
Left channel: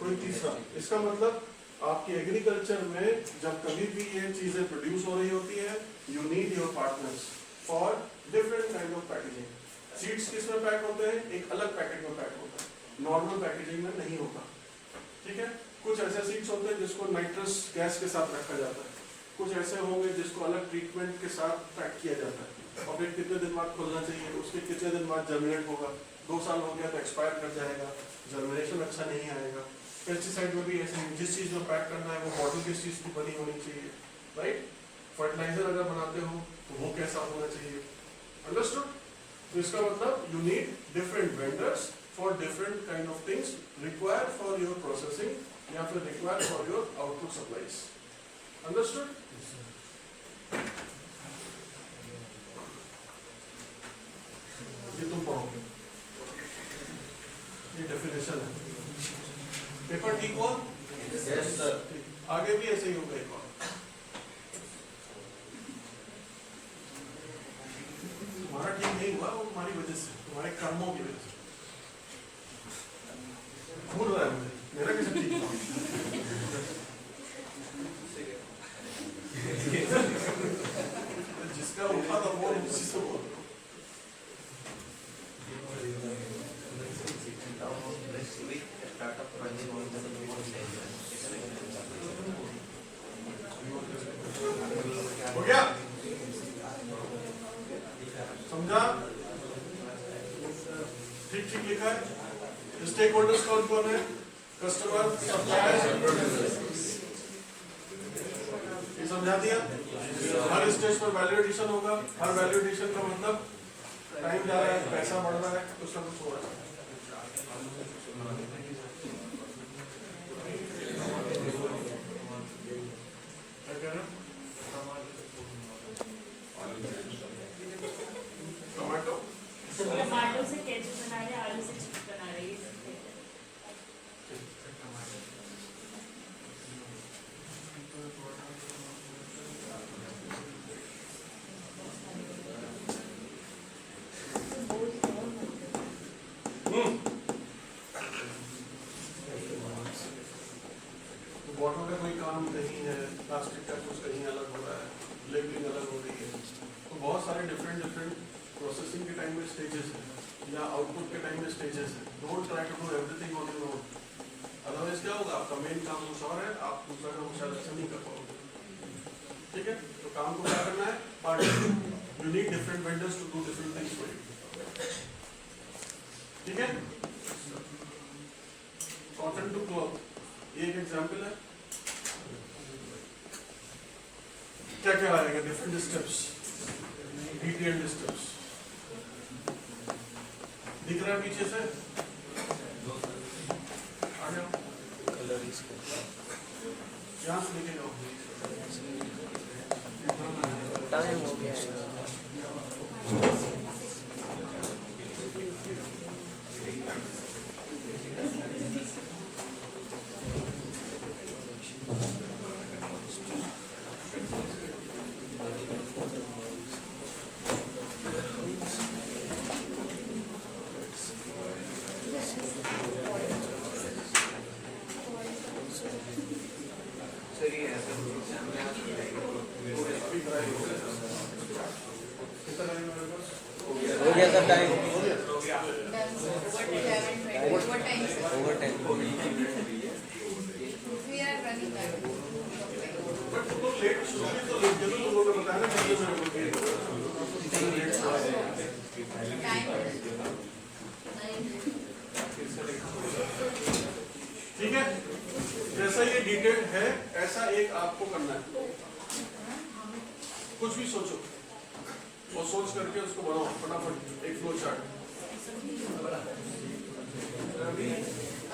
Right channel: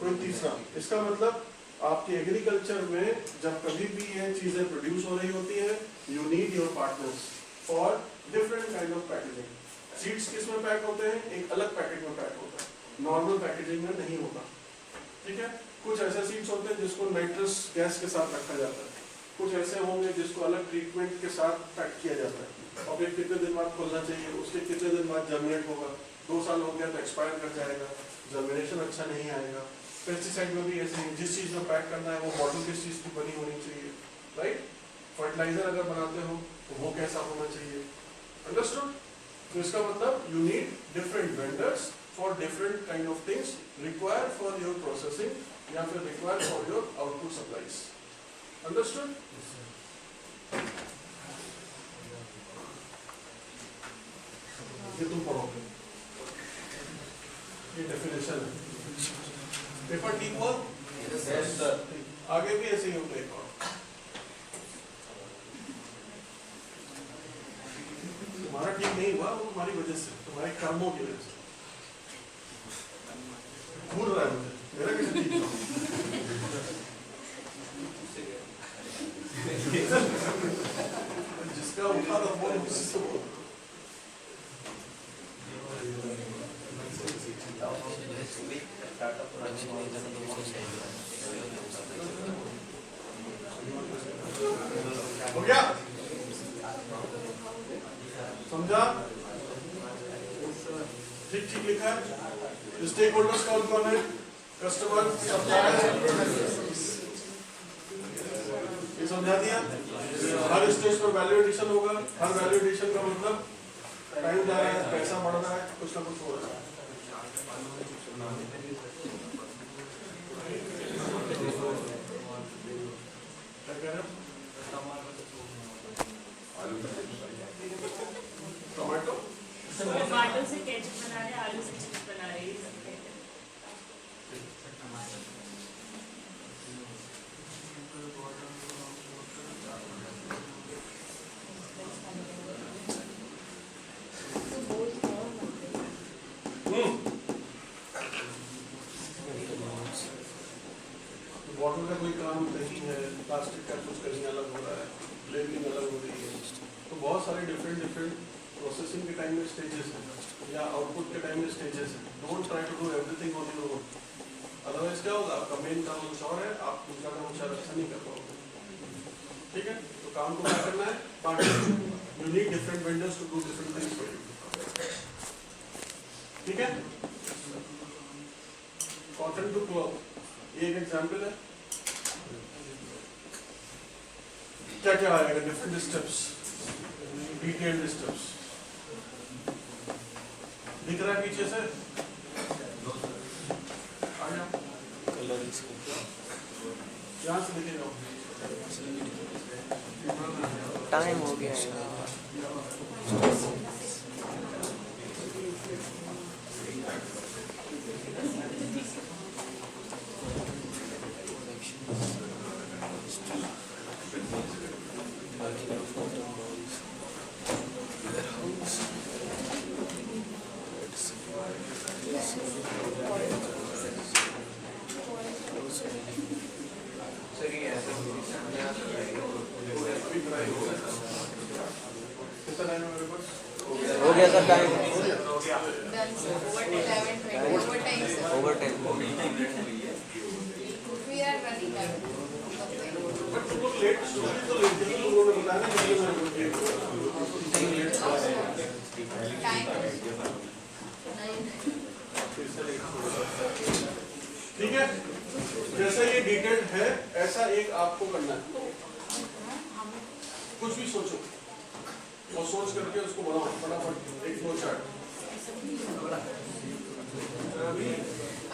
कोई तीसरा। इसका मतलब आपके एग्रीकल्चर में जब कभी भी ये चीजें प्रोड्यूस हो रही होती है, you need your partners for different kind of packaging. Seeds किस में पैक होते हैं? एक अलग पैकेट में पैक होता है, नॉर्मल पैकेजिंग में नहीं होता। ठीक है, कुछ ऐसे सीड्स होते हैं जिसको नाइट्रस गैस के साथ रखा जाता है, कुछ ऐसे होंगे जिसको अलग ट्रीटमेंट के साथ पैक किया जाता है और फिर कितने दिन बाद खोलना चाहिए, उसके कितने दिन बाद जर्मिनेट होगा। 2 साल हो गया तो एक्सपायर कर जाएगा, जर्मिनेशन अच्छा नहीं आएगा। पेस्टिसाइड में भी ऐसे ही, जिस चीज में पैक करना है वो बॉटल किस चीज की बनी होनी चाहिए, राइट? फर्टिलाइजर अगर बनाते हो तो वो कैसा होना चाहिए? अंडरस्टूड? तो इसका मतलब you need different vendors for different kind of things required for your processing या फिर required for your output supplies. Understood? ये तुम पढ़ोगे, ये डेफिनेशन है। पेपर ठीक हुआ? Yes sir. आगे भी ऐसे ही होगा एक बार। तुम्हारा ठीक नहीं हुआ वो तुम्हारी वजह से, तुम्हारे कर्मों की वजह से। भूल रहा है मुझे, मेरा कैसे ठीक हुआ? जिसका उठा था वो उसी से बोल। हो गया? समझा? ठीक ठीक लिखा है। स्टेक होल्डर्स कौन कौन है? कस्टमर, सप्लायर, ये समझा दिया। हर स्टेज पर वैल्यू एडिशन होगा। हर वैल्यू एडिशन का मतलब टाइम जा रहा है, पैसा बढ़ रहा है, कुछ ना कुछ हो रहा है। क्या कह रहे हैं? टमाटो टमाटो से केचप बना रहे, आलू से चिप्स बना रहे, ये सब कहते हैं। बॉटल का कोई काम कहीं है, प्लास्टिक का कुछ कहीं अलग हो रहा है, लेबलिंग अलग हो रही है, तो बहुत सारे डिफरेंट प्रोसेसिंग के टाइम में स्टेजेस हैं या आउटपुट के टाइम में स्टेजेस हैं। Don't try to do everything on your own, otherwise क्या होगा? आपका मेन काम कुछ और है, आप दूसरा काम शायद अच्छा नहीं कर पाओगे। ठीक है, तो काम को क्या करना है? Partner. You need different vendors to do different things for you. ठीक है, कॉटन टू क्लॉथ ये एक एग्जाम्पल है। क्या क्या आएगा, डिफरेंट स्टेप्स, डिटेल्ड स्टेप्स दिख रहा है पीछे से, आ जाओ यहाँ से लेके जाओ। टाइम हो गया सर ये ऐसे कितना टाइम है मेरे पास? हो गया sir time Over over time, sir. Time We are running out. But तुम लोग लेट शुरू तो लेट तुम लोगों को बताने चाहिए मेरे को। Time. ठीक है, जैसा ये डिटेल है ऐसा एक आपको करना है, कुछ भी सोचो और सोच करके उसको बनाओ फटाफट एक फ्लो चार्ट।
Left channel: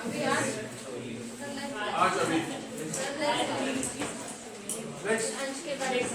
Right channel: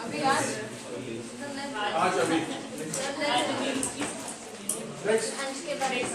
अभी आज आज अभी नेक्स्ट अंश के बारे में